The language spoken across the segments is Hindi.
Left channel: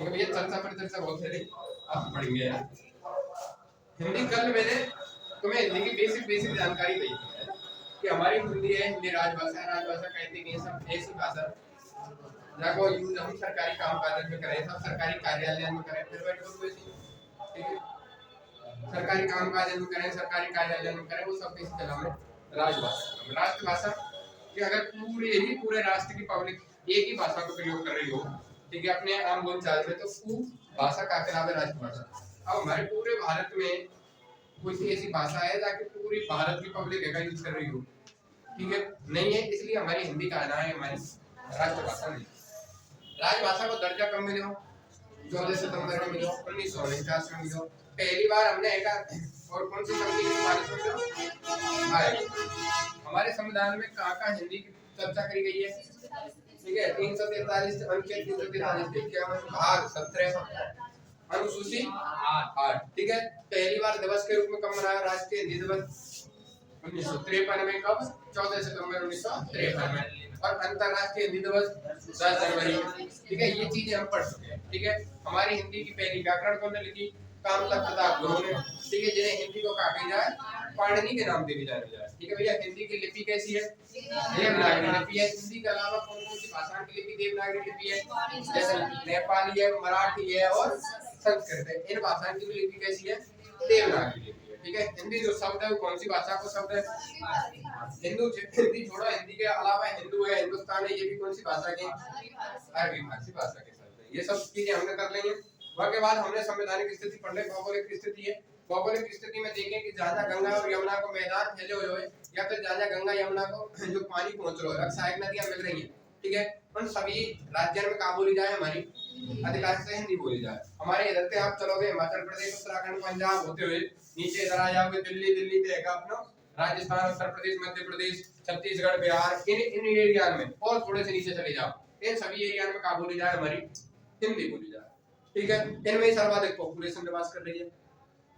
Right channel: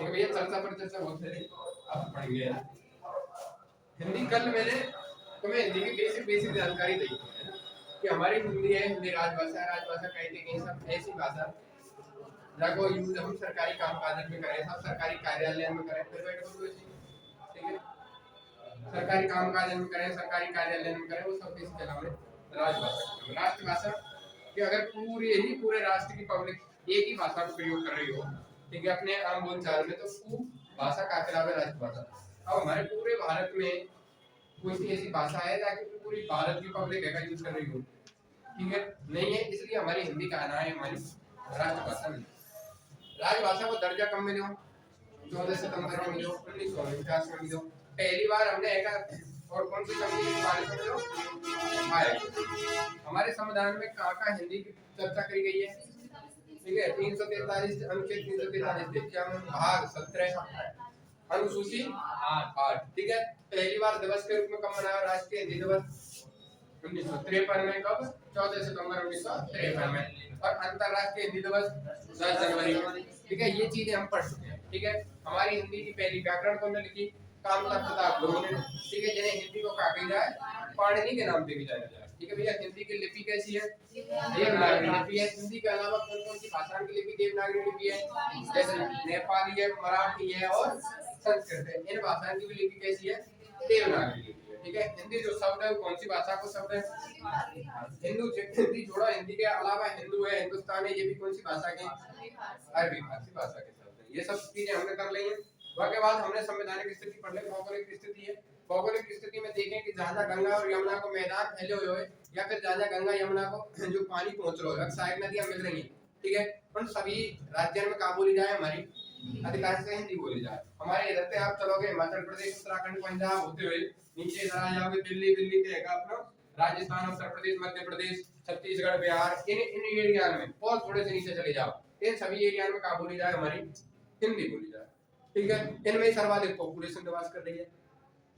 ठीक है भैया, चर्चा पर चर्चा बहुत है, आप पढ़ेंगे यार। हिंदी कल मैंने तुम्हें हिंदी की बेसिक बेसिक जानकारी दी है कि हमारी हिंदी है, हिंदी राजभाषा है। राजभाषा कहते हैं सब ऐसी भाषा जाको यूज हम सरकारी कामकाज में करें, सब सरकारी कार्यालय में करें, फिर बैठ बोलो ऐसे, ठीक है, सरकारी कामकाज में करें, सरकारी कार्यालय में करें, वो सब किस चला हमें राजभाषा। राष्ट्रभाषा कि अगर पूरे राष्ट्र की पब्लिक एक ही भाषा को प्रयोग कर रही हो, ठीक है, अपने आम बोलचाल में, तो वो भाषा का खिलाफ है राष्ट्रभाषा। अब हमारे पूरे भारत में कोई सी ऐसी भाषा है जाके पूरी भारत की पब्लिक है का यूज कर रही हो, ठीक है, नहीं है, इसलिए हमारी हिंदी का नाम है हमारी राष्ट्रभाषा नहीं। राजभाषा को दर्जा कब मिले हो? 14 सितंबर में मिलो, 1949 में मिलो। पहली बार हमने एक और कौन सी संधि के बारे में मिलो आए। हमारे संविधान में कहाँ हिंदी की चर्चा करी गई है? ठीक है, 343 अनुच्छेद 343 क्या भाग 17 अनुसूची 8, ठीक है। पहली बार दिवस के रूप में कब मनाया राष्ट्रीय हिंदी दिवस? 1953 में। कब? 14 सितंबर 1953 में। और अंतरराष्ट्रीय हिंदी दिवस 10 जनवरी। ठीक है, ये चीजें हम पढ़ चुके हैं। ठीक है, हमारी हिंदी की पहली व्याकरण कौन ने लिखी? कामतक प्रताप गुरु ने। ठीक है, जिन्हें हिंदी को कहा जाए पाणिनि के नाम से भी जाना जाए। ठीक है भैया, हिंदी की लिपि कैसी है? देवनागरी लिपि है। हिंदी के अलावा कौन कौन सी भाषाओं की लिपि देवनागरी लिपि है? जैसे नेपाली है, मराठी है और संस्कृत है। इन भाषाओं की भी लिपि कैसी है? देवनागरी लिपि। ठीक है, हिंदी जो शब्द है वो कौन सी भाषा को शब्द है? हिंदी छोड़ो, हिंदी के अलावा हिंदू है, हिंदुस्तान है, ये भी कौन सी भाषा के? अरबी फारसी भाषा के शब्द है। ये सब चीजें हमने कर ली है। उसके बाद हमने संवैधानिक स्थिति पढ़ ली, भौगोलिक स्थिति है। भौगोलिक स्थिति में देखें कि जहाँ गंगा और यमुना को मैदान फैले हुए हो या फिर जहाँ गंगा यमुना को जो पानी पहुंच रहा है, सहायक नदियां मिल रही है, ठीक है, उन सभी राज्यों में कहाँ बोली जाए? हमारी अधिकांश से हिंदी बोली जाए। हमारे इधर से आप चलोगे हिमाचल प्रदेश, उत्तराखंड, पंजाब होते हुए नीचे इधर आ जाओगे दिल्ली, दिल्ली से है अपना राजस्थान, उत्तर प्रदेश, मध्य प्रदेश, छत्तीसगढ़, बिहार, इन एरिया में, और थोड़े से नीचे चले जाओ, इन सभी एरिया में कहाँ बोली जाए? हमारी हिंदी बोली जाए। ठीक है, इनमें सर्वाधिक पॉपुलेशन निवास कर रही है।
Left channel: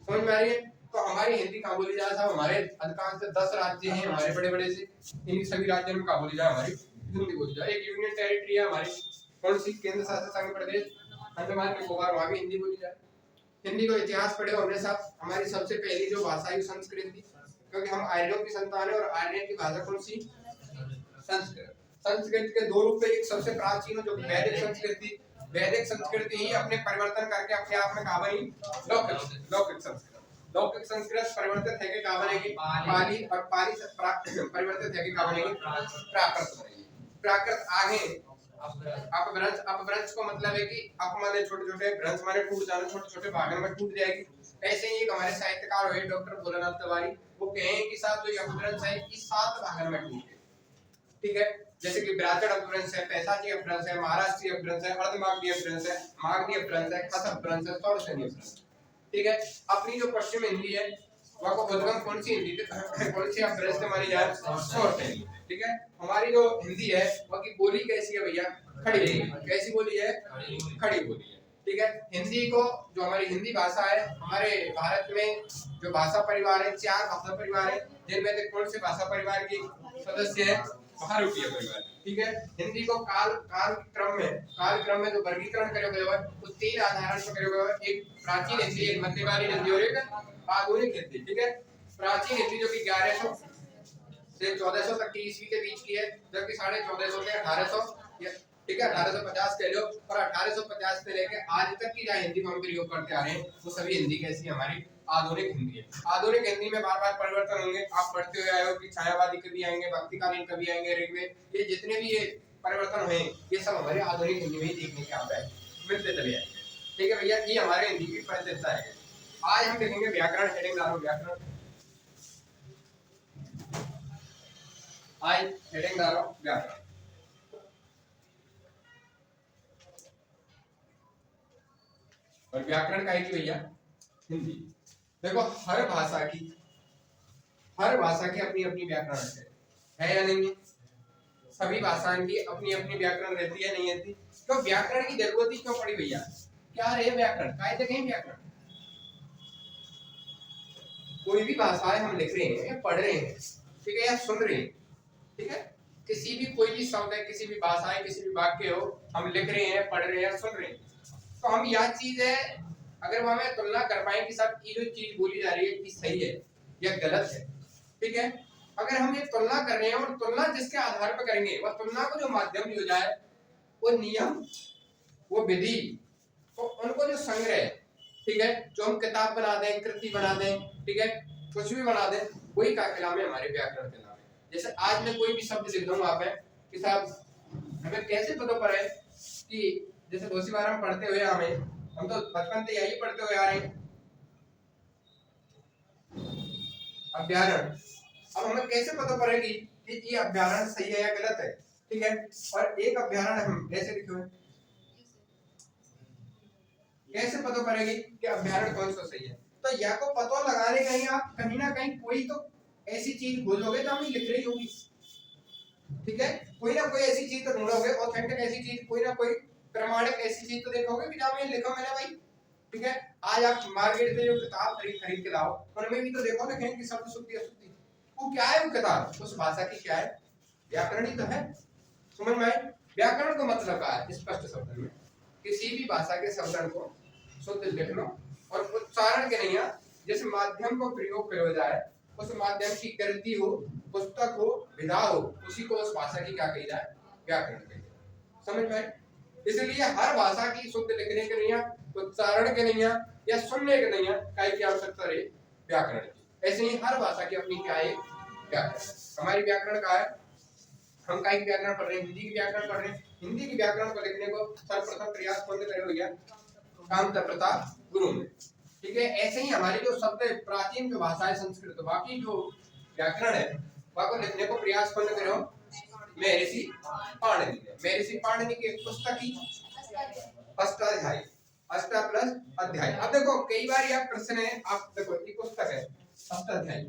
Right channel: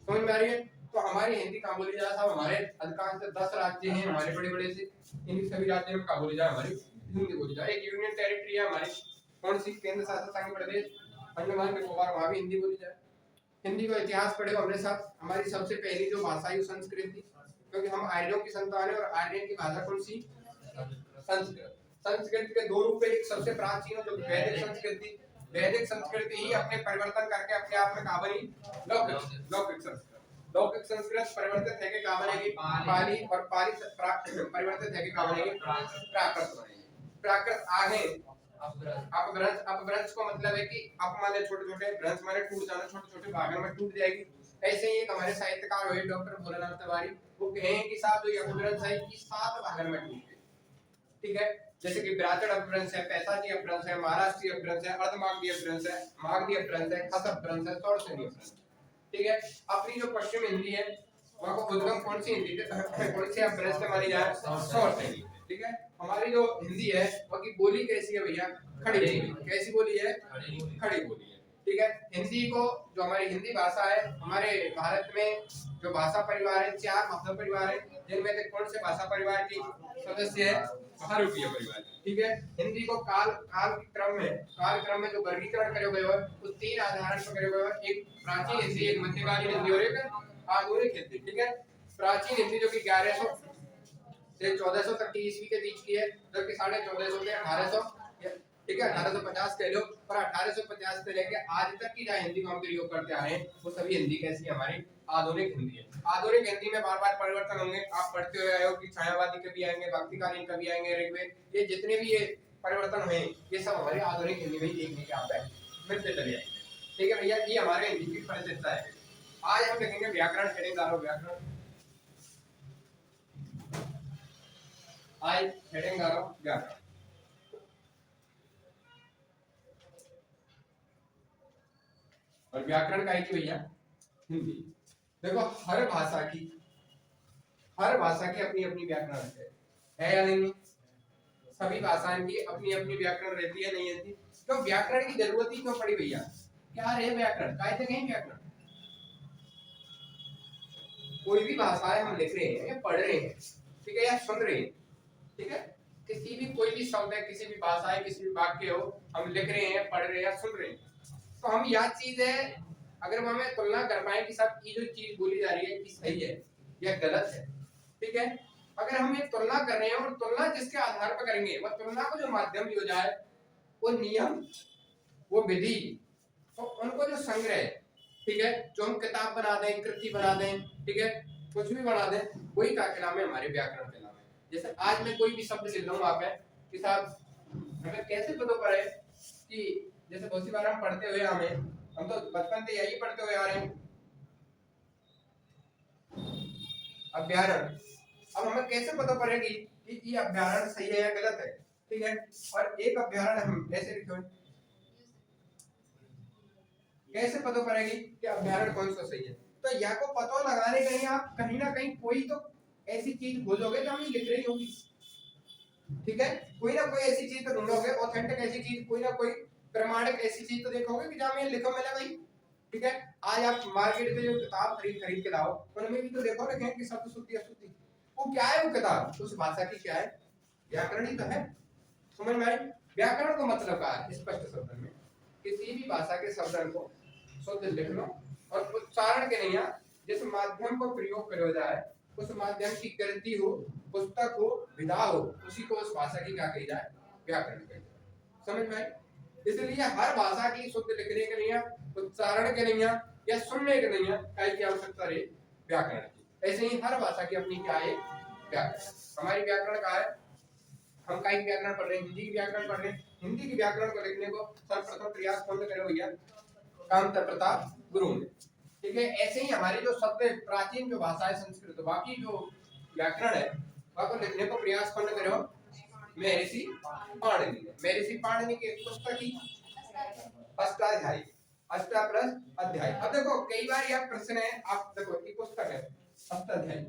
समझ में आ रही है? तो हमारी हिंदी कहाँ बोली जाए साहब? हमारे अधिकांश 10 राज्य हैं हमारे बड़े बड़े से, इन सभी राज्यों में कहाँ बोली जाए? हमारी हिंदी बोली जाए। एक यूनियन टेरिटरी है हमारी, कौन सी? केंद्र शासित संघ प्रदेश अंडमान निकोबार, वहां भी हिंदी बोली जाए। हिंदी का इतिहास पढ़े हमने साहब। हमारी सबसे पहली जो भाषा है संस्कृत थी, क्योंकि हम आर्यों की संतान है, और आर्यन की भाषा कौन सी? संस्कृत। संस्कृत के दो रूप है, एक सबसे प्राचीन जो वैदिक संस्कृत थी, वैदिक संस्कृति ही अपने परिवर्तन करके अपने आप में कहाँ बनी? लौकिक संस्कृत। लौकिक संस्कृत परिवर्तित है कि कहाँ बनेगी? पाली, और पाली से परिवर्तित है कि कहाँ बनेगी? प्राकृत बनेगी। प्राकृत आगे अपभ्रंश। अपभ्रंश को मतलब है कि अप माने छोटे छोटे, भ्रंश माने टूट जाना, छोटे छोटे भागों में टूट जाएगी। ऐसे ही एक हमारे साहित्यकार हुए डॉक्टर भोलानाथ तिवारी, वो कहें कि साहब जो अपभ्रंश है कि 7 भागों में टूटे। ठीक है, जैसे कि ब्राह्मण अपभ्रंश है, पैसाची अपभ्रंश है, महाराष्ट्रीय अपभ्रंश है, अर्धमागधी अपभ्रंश है, मागधी अपभ्रंश है, खस अपभ्रंश है, सौरसेनी अपभ्रंश। ठीक है, अपनी जो पश्चिम हिंदी है वह को उद्गम कौन सी हिंदी कौन सी अपभ्रंश से मानी जाए? सौरसेनी। ठीक है, हमारी जो हिंदी है वह की बोली कैसी है भैया? खड़ी बोली। कैसी बोली है? खड़ी बोली है। ठीक है, हिंदी को जो हमारी हिंदी भाषा है, हमारे भारत में जो भाषा परिवार है 4 भाषा परिवार है, जिनमें से कौन से भाषा परिवार की सदस्य है? बहुरूपीय परिवार। ठीक है, हिंदी को काल क्रम में जो वर्गीकरण करे हुए है उस 3 आधार पर करे हुए है। एक प्राचीन हिंदी, एक मध्यकालीन हिंदी और एक आधुनिक हिंदी। ठीक है, प्राचीन हिंदी जो कि 1100 से 1400 तक की ईस्वी के बीच की है, जबकि 1450 से 1800, ठीक है, 1850 कह लो, और 1850 से लेके आज तक की जो हिंदी को हम प्रयोग करते आ रहे हैं वो सभी हिंदी कैसी है? हमारी आधुनिक हिंदी है। आधुनिक हिंदी में बार बार परिवर्तन होंगे, आप पढ़ते हुए आए हो कि छायावादी कवि आएंगे, भक्तिकालीन कवि आएंगे, ऋग्वेद, ये जितने भी ये परिवर्तन हुए ये सब हमारे आधुनिक हिंदी में ही देखने के आप मिलते चले आएंगे। ठीक है भैया, ये हमारे हिंदी की परिचर्चा है। आज हम देखेंगे व्याकरण। हेडिंग डालो व्याकरण। आज हेडिंग डालो व्याकरण। और व्याकरण का है कि भैया हिंदी। देखो हर भाषा की अपनी अपनी व्याकरण है या नहीं? सभी भाषाओं की अपनी अपनी व्याकरण रहती है, नहीं रहती? तो व्याकरण की जरूरत ही क्यों पड़ी भैया? क्या रहे व्याकरण? काय तक है व्याकरण? कोई भी भाषा है हम लिख रहे हैं, पढ़ रहे हैं, ठीक है, या सुन रहे हैं, ठीक है, किसी भी कोई भी शब्द है, किसी भी भाषा है, किसी भी वाक्य हो, हम लिख रहे हैं, पढ़ रहे हैं, सुन रहे हैं, तो हम यह चीज है, अगर वो हमें तुलना कर पाए कि सब ये जो चीज बोली जा रही है कि सही है या गलत है, ठीक है, अगर हम ये तुलना कर रहे हैं और तुलना जिसके आधार पर करेंगे, वह तुलना को जो माध्यम हो जाए, वो नियम, वो विधि, तो उनको जो संग्रह, ठीक है, जो हम किताब बना दें, कृति बना दें, ठीक है, कुछ भी बना दें, वही का नाम है हमारे व्याकरण के नाम है। जैसे आज मैं कोई भी शब्द लिख दूंगा आप कि साहब हमें कैसे पता पड़े कि, जैसे बहुत सी बार हम पढ़ते हुए हम तो बचपन से यही पढ़ते हुए आ रहे हैं, अभ्यारण। अब हमें कैसे पता पड़ेगी कि ये अभ्यारण सही है या गलत है, ठीक है, और एक अभ्यारण हम ऐसे लिखे हुए, कैसे पता पड़ेगी कि अभ्यारण कौन सा सही है? तो या को पता लगाने के लिए आप कहीं ना कहीं कोई तो ऐसी चीज खोजोगे जो हमें लिख रही होगी, ठीक है, कोई ना कोई ऐसी चीज तो ढूंढोगे, ऑथेंटिक ऐसी चीज, कोई ना कोई प्रमाणिक ऐसी चीज तो देखोगे कि जहां में लिखा मैंने भाई, ठीक है। आज आप मार्केट से जो किताब खरीद के लाओ, उनमें भी तो देखो लिखे कि शब्द शुद्धि अशुद्धि, वो क्या है, वो किताब उस भाषा की क्या है, व्याकरण ही तो है। समझ में आए? व्याकरण को मतलब क्या है? स्पष्ट शब्द में किसी भी भाषा के शब्दों को शुद्ध लिख लो और उच्चारण के नहीं, जिस माध्यम को प्रयोग करो जाए, उस माध्यम की कृति हो, पुस्तक हो, विधा हो, उसी को उस भाषा की क्या कही जाए? व्याकरण कही जाए। समझ में आए? इसलिए हर भाषा की शुद्ध लिखने के लिए, उच्चारण के लिए या सुनने के लिए काय की आवश्यकता रहे? व्याकरण की। ऐसे ही हर भाषा की अपनी क्या है? व्याकरण। हमारी व्याकरण का है, हम काय की व्याकरण पढ़ रहे हैं? हिंदी की व्याकरण पढ़ रहे हैं। हिंदी की व्याकरण को लिखने को सर्वप्रथम प्रयास कौन करे भैया? कामता प्रताप गुरु ने, ठीक है। ऐसे ही हमारी जो शब्द प्राचीन जो भाषा है संस्कृत, बाकी जो व्याकरण है वह को लिखने को प्रयास कौन करो? महर्षि पाणिनि ने। महर्षि पाणिनि की पुस्तक ही अष्टाध्यायी, अष्टा प्लस अध्याय। अब देखो कई बार यह प्रश्न है, आप देखो ये पुस्तक है अष्टाध्यायी,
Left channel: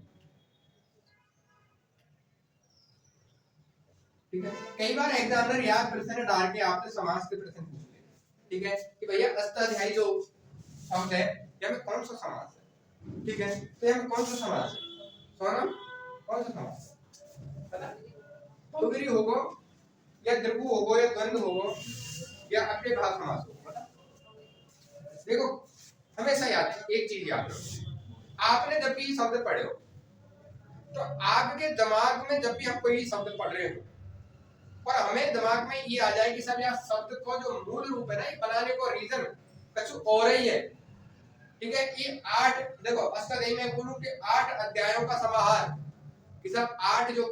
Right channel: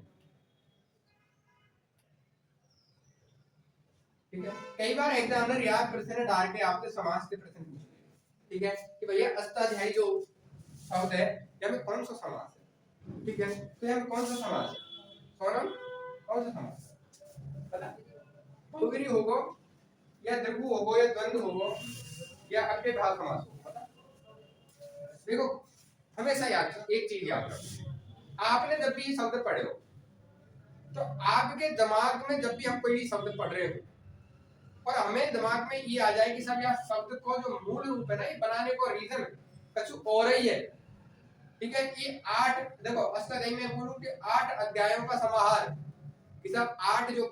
ठीक है। कई बार एग्जामिनर यह प्रश्न डाल के आपसे समास के प्रश्न पूछते हैं, ठीक है, कि भैया अष्टाध्यायी जो शब्द है यह कौन सा समास है, ठीक है, तो यह कौन सा समास है? सोनम कौन सा समास है? पता? बहुब्रीहि होगो या द्विगु होगो या द्वंद्व होगो या अव्ययभाव समास होगो? पता? देखो हमेशा याद, एक चीज याद रखो, आपने जब भी शब्द पढ़े हो तो आपके दिमाग में जब भी हम कोई शब्द पढ़ रहे हो और हमें दिमाग में ये आ जाए कि सब यह शब्द को जो मूल रूप है ना, ये बनाने को रीजन कुछ और ही है, ठीक है, कि 8, देखो अष्टाध्यायी में बोलूं कि 8 अध्यायों का समाहार, कि सब 8 जो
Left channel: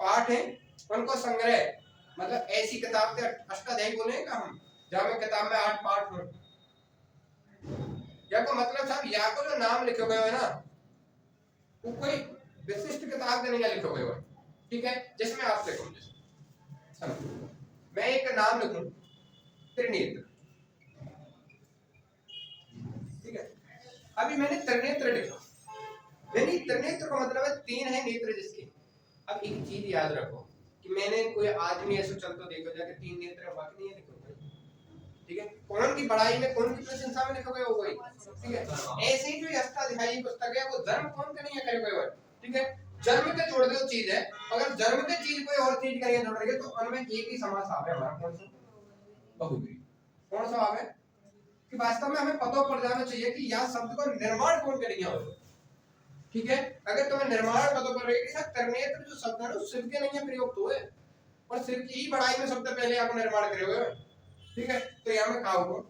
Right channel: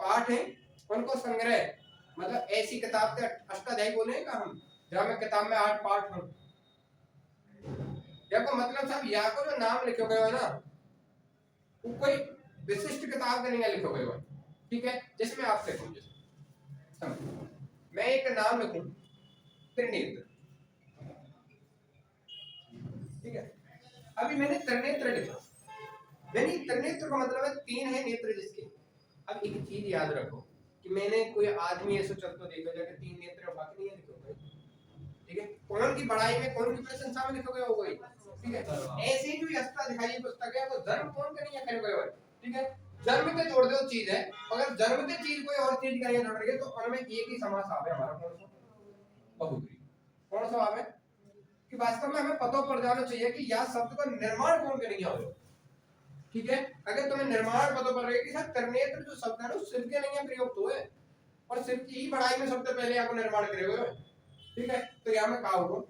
पाठ हैं उनको संग्रह, मतलब ऐसी किताब से अष्टाध्यायी बोलेगा हम जहां में किताब में 8 पाठ हो, या को मतलब साहब या को जो नाम लिखे हुए है ना, वो कोई विशिष्ट किताब के नहीं लिखे हुए है, ठीक है। जिसमें आप देखो, समझो मैं एक नाम लिखूं त्रिनेत्र, ठीक है, अभी मैंने त्रिनेत्र लिखा, यानी त्रिनेत्र का मतलब है 3 है नेत्र जिसके। अब एक चीज याद रखो कि मैंने कोई आदमी ऐसे चलते देखो जाके 3 नेत्र बाकी नहीं है लिखे हुए, ठीक है, कौन की बड़ाई में कौन की प्रशंसा में लिखे हुए हो गई, ठीक है। ऐसे ही जो अष्टाध्यायी पुस्तक है वो जन्म कौन का नहीं है करे हुए, ठीक है, जन्म के जोड़ दो चीज है, अगर जन्म के चीज कोई और चीज करेंगे जोड़ रही है तो उनमें एक ही समास आवे हमारा, कौन सा? बहुब्रीहि। कौन सा आवे? कि वास्तव में हमें पता पड़ जाना चाहिए कि यह शब्द का निर्माण कौन करेंगे हो, ठीक है। अगर तुम्हें निर्माण पता पड़ रही है कि सर त्रिनेत्र जो शब्द है ना शिव के नहीं है प्रयोग हुए, और शिव की ही बड़ाई में शब्द पहले आप निर्माण करे हुए, ठीक है, तो यहाँ में कहा होगा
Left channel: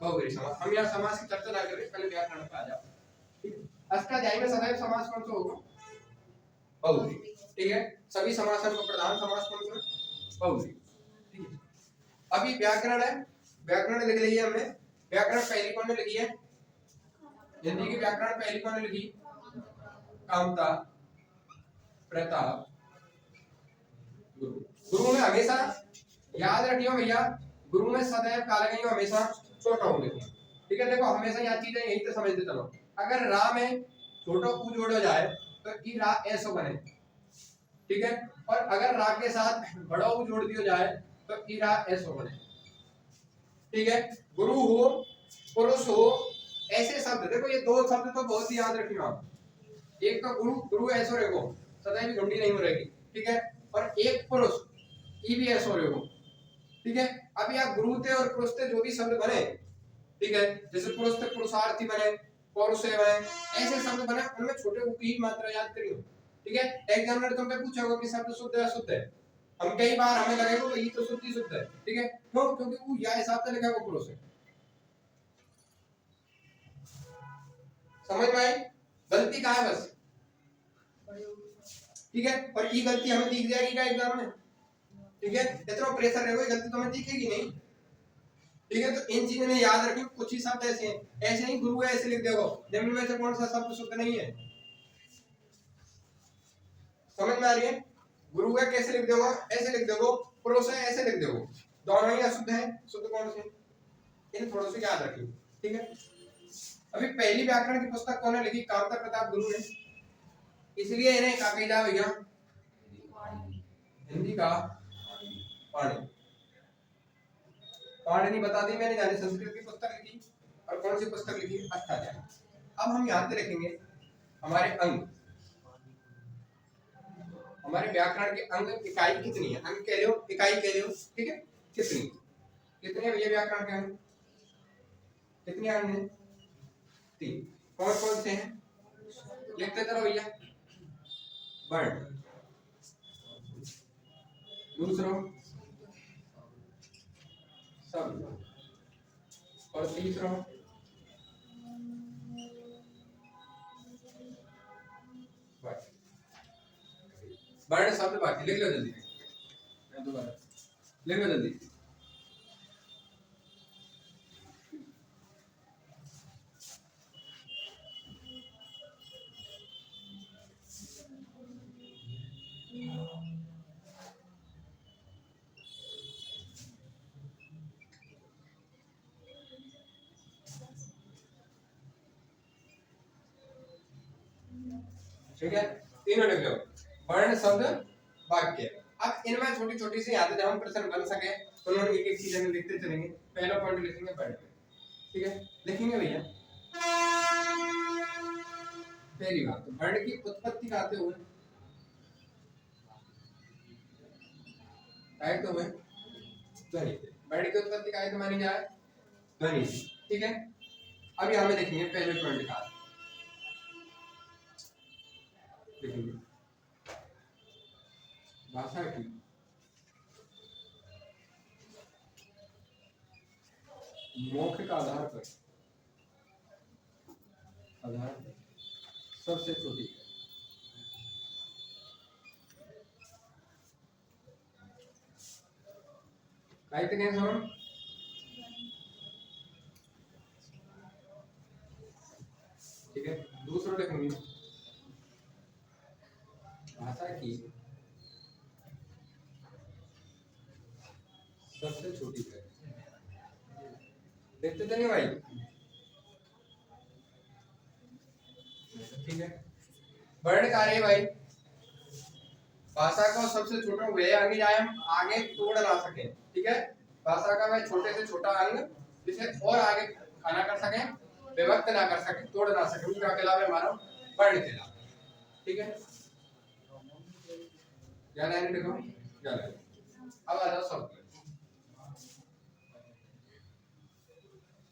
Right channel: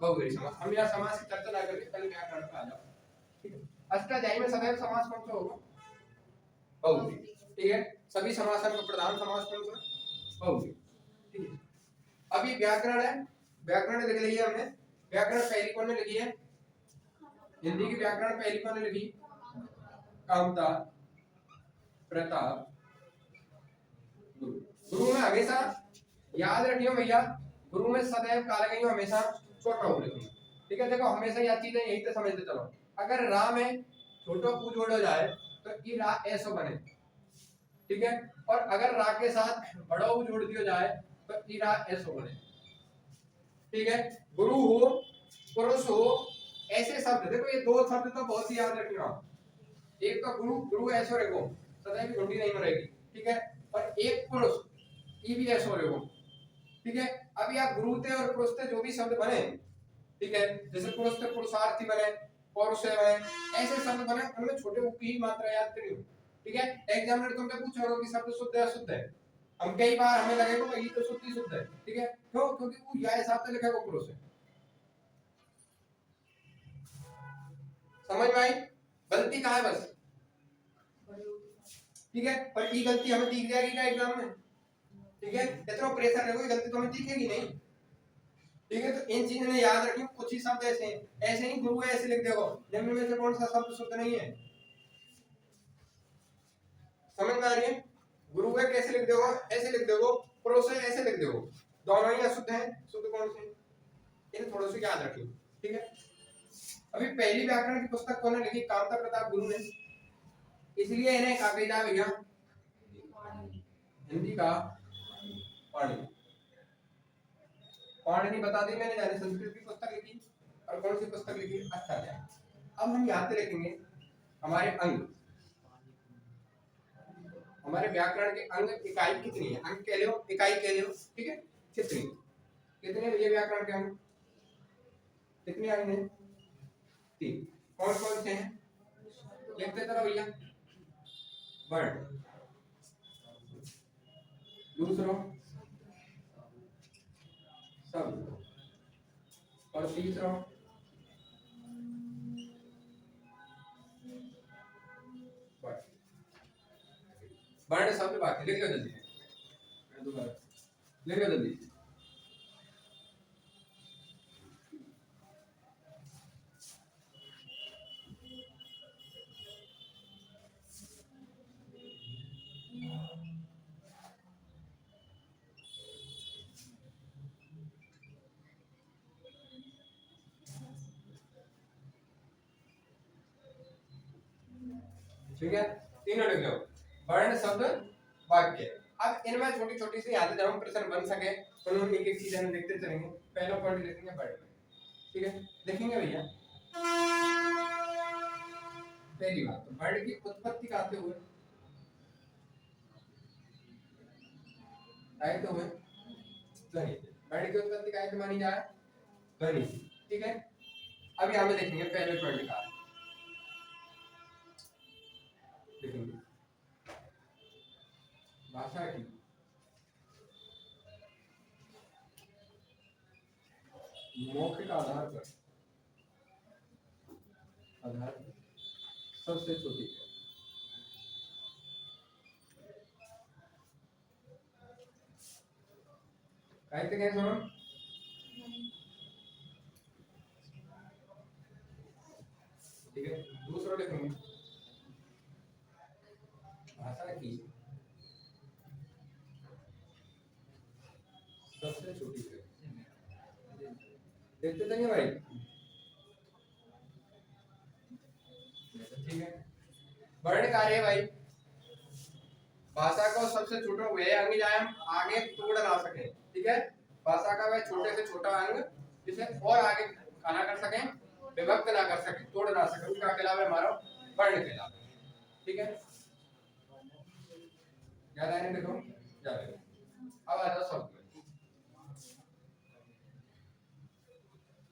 बहुब्रीहि समास। हम यहाँ समास की चर्चा ना करें, पहले व्याकरण पे आ जाओ, ठीक है। अष्टाध्यायी में सदैव समास कौन सा होगा? बहुब्रीहि, ठीक है। सभी समासों का प्रधान समास कौन सा है? बहुब्रीहि, ठीक है। अभी व्याकरण है, व्याकरण लिख लिया हमने, व्याकरण पहली कौन ने लिखी है? हिंदी की व्याकरण पहली कौन ने लिखी? कामता प्रताप गुरु। गुरु में हमेशा याद रखियो भैया, गुरु में सदैव काले गई हमेशा छोटा हो लिखो, ठीक है। देखो हमेशा यह चीजें यही तो समझते चलो, अगर रा में छोटा ऊ जोड़ो जाए तो ई रा ऐसो बने, ठीक है, और अगर रा के साथ बड़ा ऊ जोड़ दिया जाए तो ई रा ऐसो बने, ठीक है। गुरु हो, पुरुष हो, ऐसे शब्द देखो, ये 2 शब्द तो बहुत ही याद रखना, एक तो गुरु, गुरु ऐसो रहेगो सदैव भी ढूंढी नहीं मरेगी, ठीक है, और एक पुरुष ई भी ऐसो रहेगो, ठीक है। अब यह गुरु थे और पुरुष थे जो भी शब्द बने, ठीक है, जैसे पुरुष से पुरुषार्थी बने, पौरुष बने, ऐसे शब्द बने, उनमें छोटे ऊ की मात्रा याद करियो। ठीक है, एग्जामिनर तुमसे पूछा होगा कि शब्द शुद्ध है अशुद्ध है, हम कई बार हमें लगेगा कि ये तो शुद्ध ही शुद्ध है। ठीक है, क्यों? क्योंकि वो या हिसाब से लिखा है, वो पुरुष है। समझ में आई? गलती कहाँ है बस? ठीक है, पर ये गलती हमें दिख जाएगी क्या एग्जाम में? ठीक है, इतना प्रेशर रहेगा, गलती तो हमें दिखेगी नहीं। ठीक है, तो इन चीजों ने याद रखिए। कुछ ही शब्द ऐसे हैं, ऐसे ही गुरु है ऐसे लिख देखो, निम्न में से कौन सा शब्द शुद्ध नहीं है? समझ में आ रही है? गुरु है कैसे लिख दोगे? ऐसे लिख दोगे। पुरुष है ऐसे लिख दोगे। दोनों ही अशुद्ध हैं, शुद्ध कौन से? इन थोड़ा सा याद रखिए। ठीक है, अभी पहली व्याकरण की पुस्तक कौन लिखी? कांता प्रताप गुरु ने, इसलिए इन्हें क्या कहा भैया? हिंदी का पाणी। पाणिनि बता दी मैंने, जाने संस्कृत की पुस्तक लिखी और कौन सी पुस्तक लिखी? अष्टाध्यायी। अब हम यहाँ पे लिखेंगे हमारे अंग, हमारे व्याकरण के अंग इकाई कितनी है? अंग कह लो, इकाई कह लो। ठीक है, कितनी कितने भैया व्याकरण के अंग? कितने अंग हैं? 3। कौन कौन से हैं? लिखते चलो भैया। वर्ण, दूसरा शब्द, और तीसरा वर्ण शब्द वाक्य। लिख लो जल्दी, मैं दोबारा लिख लो जल्दी। ठीक है, तीनों लिख लो, वर्ण शब्द वाक्य। अब इनमें छोटी छोटी सी यादें जब हम प्रश्न बन सके, उन्होंने एक एक चीज हम लिखते चलेंगे। पहला पॉइंट लिखेंगे वर्ण। ठीक है, लिखेंगे भैया। पहली बात, तो वर्ण की उत्पत्ति कहते हुए आए तो हुए ध्वनि। वर्ण की उत्पत्ति का तो मानी जाए ध्वनि। ठीक है, अब यहाँ में देखेंगे पहले पॉइंट का लिखेंगे, भाषा की मौखिक आधार पर सबसे छोटी है। कहते हैं हम, ठीक है, दूसरा लिखेंगे भाषा की सबसे छोटी है। देखते तो नहीं भाई? ठीक है, वर्ण कार्य भाई, भाषा को सबसे छोटा वह अंग जाए हम आगे तोड़ ना सके। ठीक है, भाषा का वह छोटे से छोटा अंग जिसे और आगे खाना कर सके, विभक्त ना कर सके, तोड़ ना सके, उसका कहलावे हमारा वर्ण कहलावे। ठीक है, क्या लाइन देखो, क्या लाइन। अब आ जाओ शब्द।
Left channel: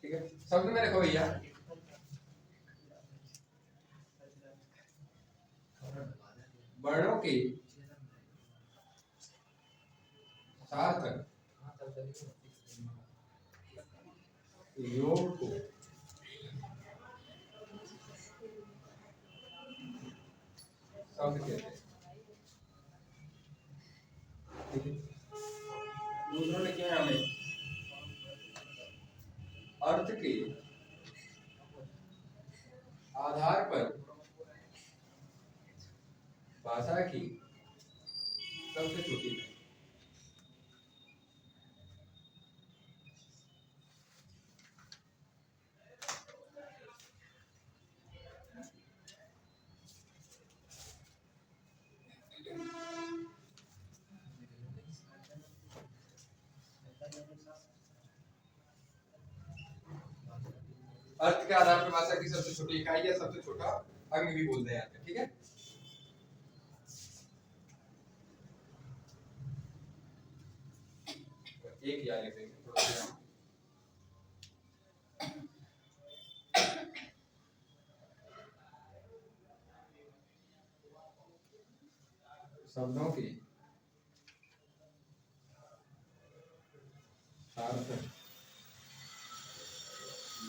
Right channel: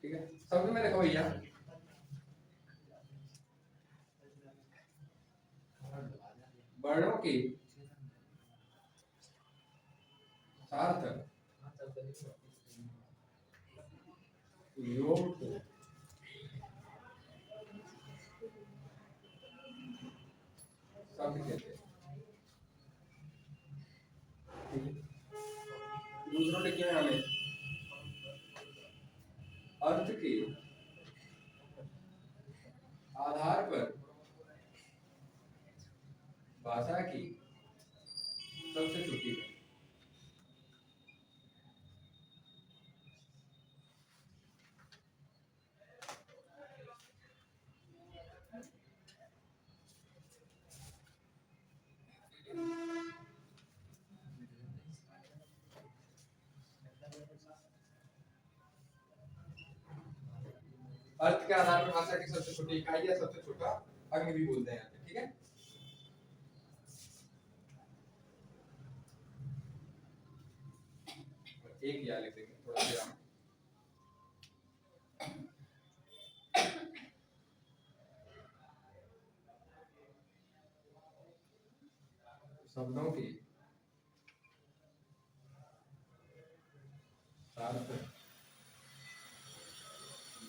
ठीक है, शब्द में देखो भैया, वर्णों के सार्थक योग को शब्द कहते हैं। ठीक है, दूसरा लिखे हैं हमें अर्थ के आधार पर भाषा की सबसे छोटी है। अर्थ के आधार पर भाषा की सबसे छोटी इकाई या सबसे छोटा अंग भी बोलते हैं। ठीक है, एक या लिख देंगे थोड़ा सा। शब्दों के सार्थक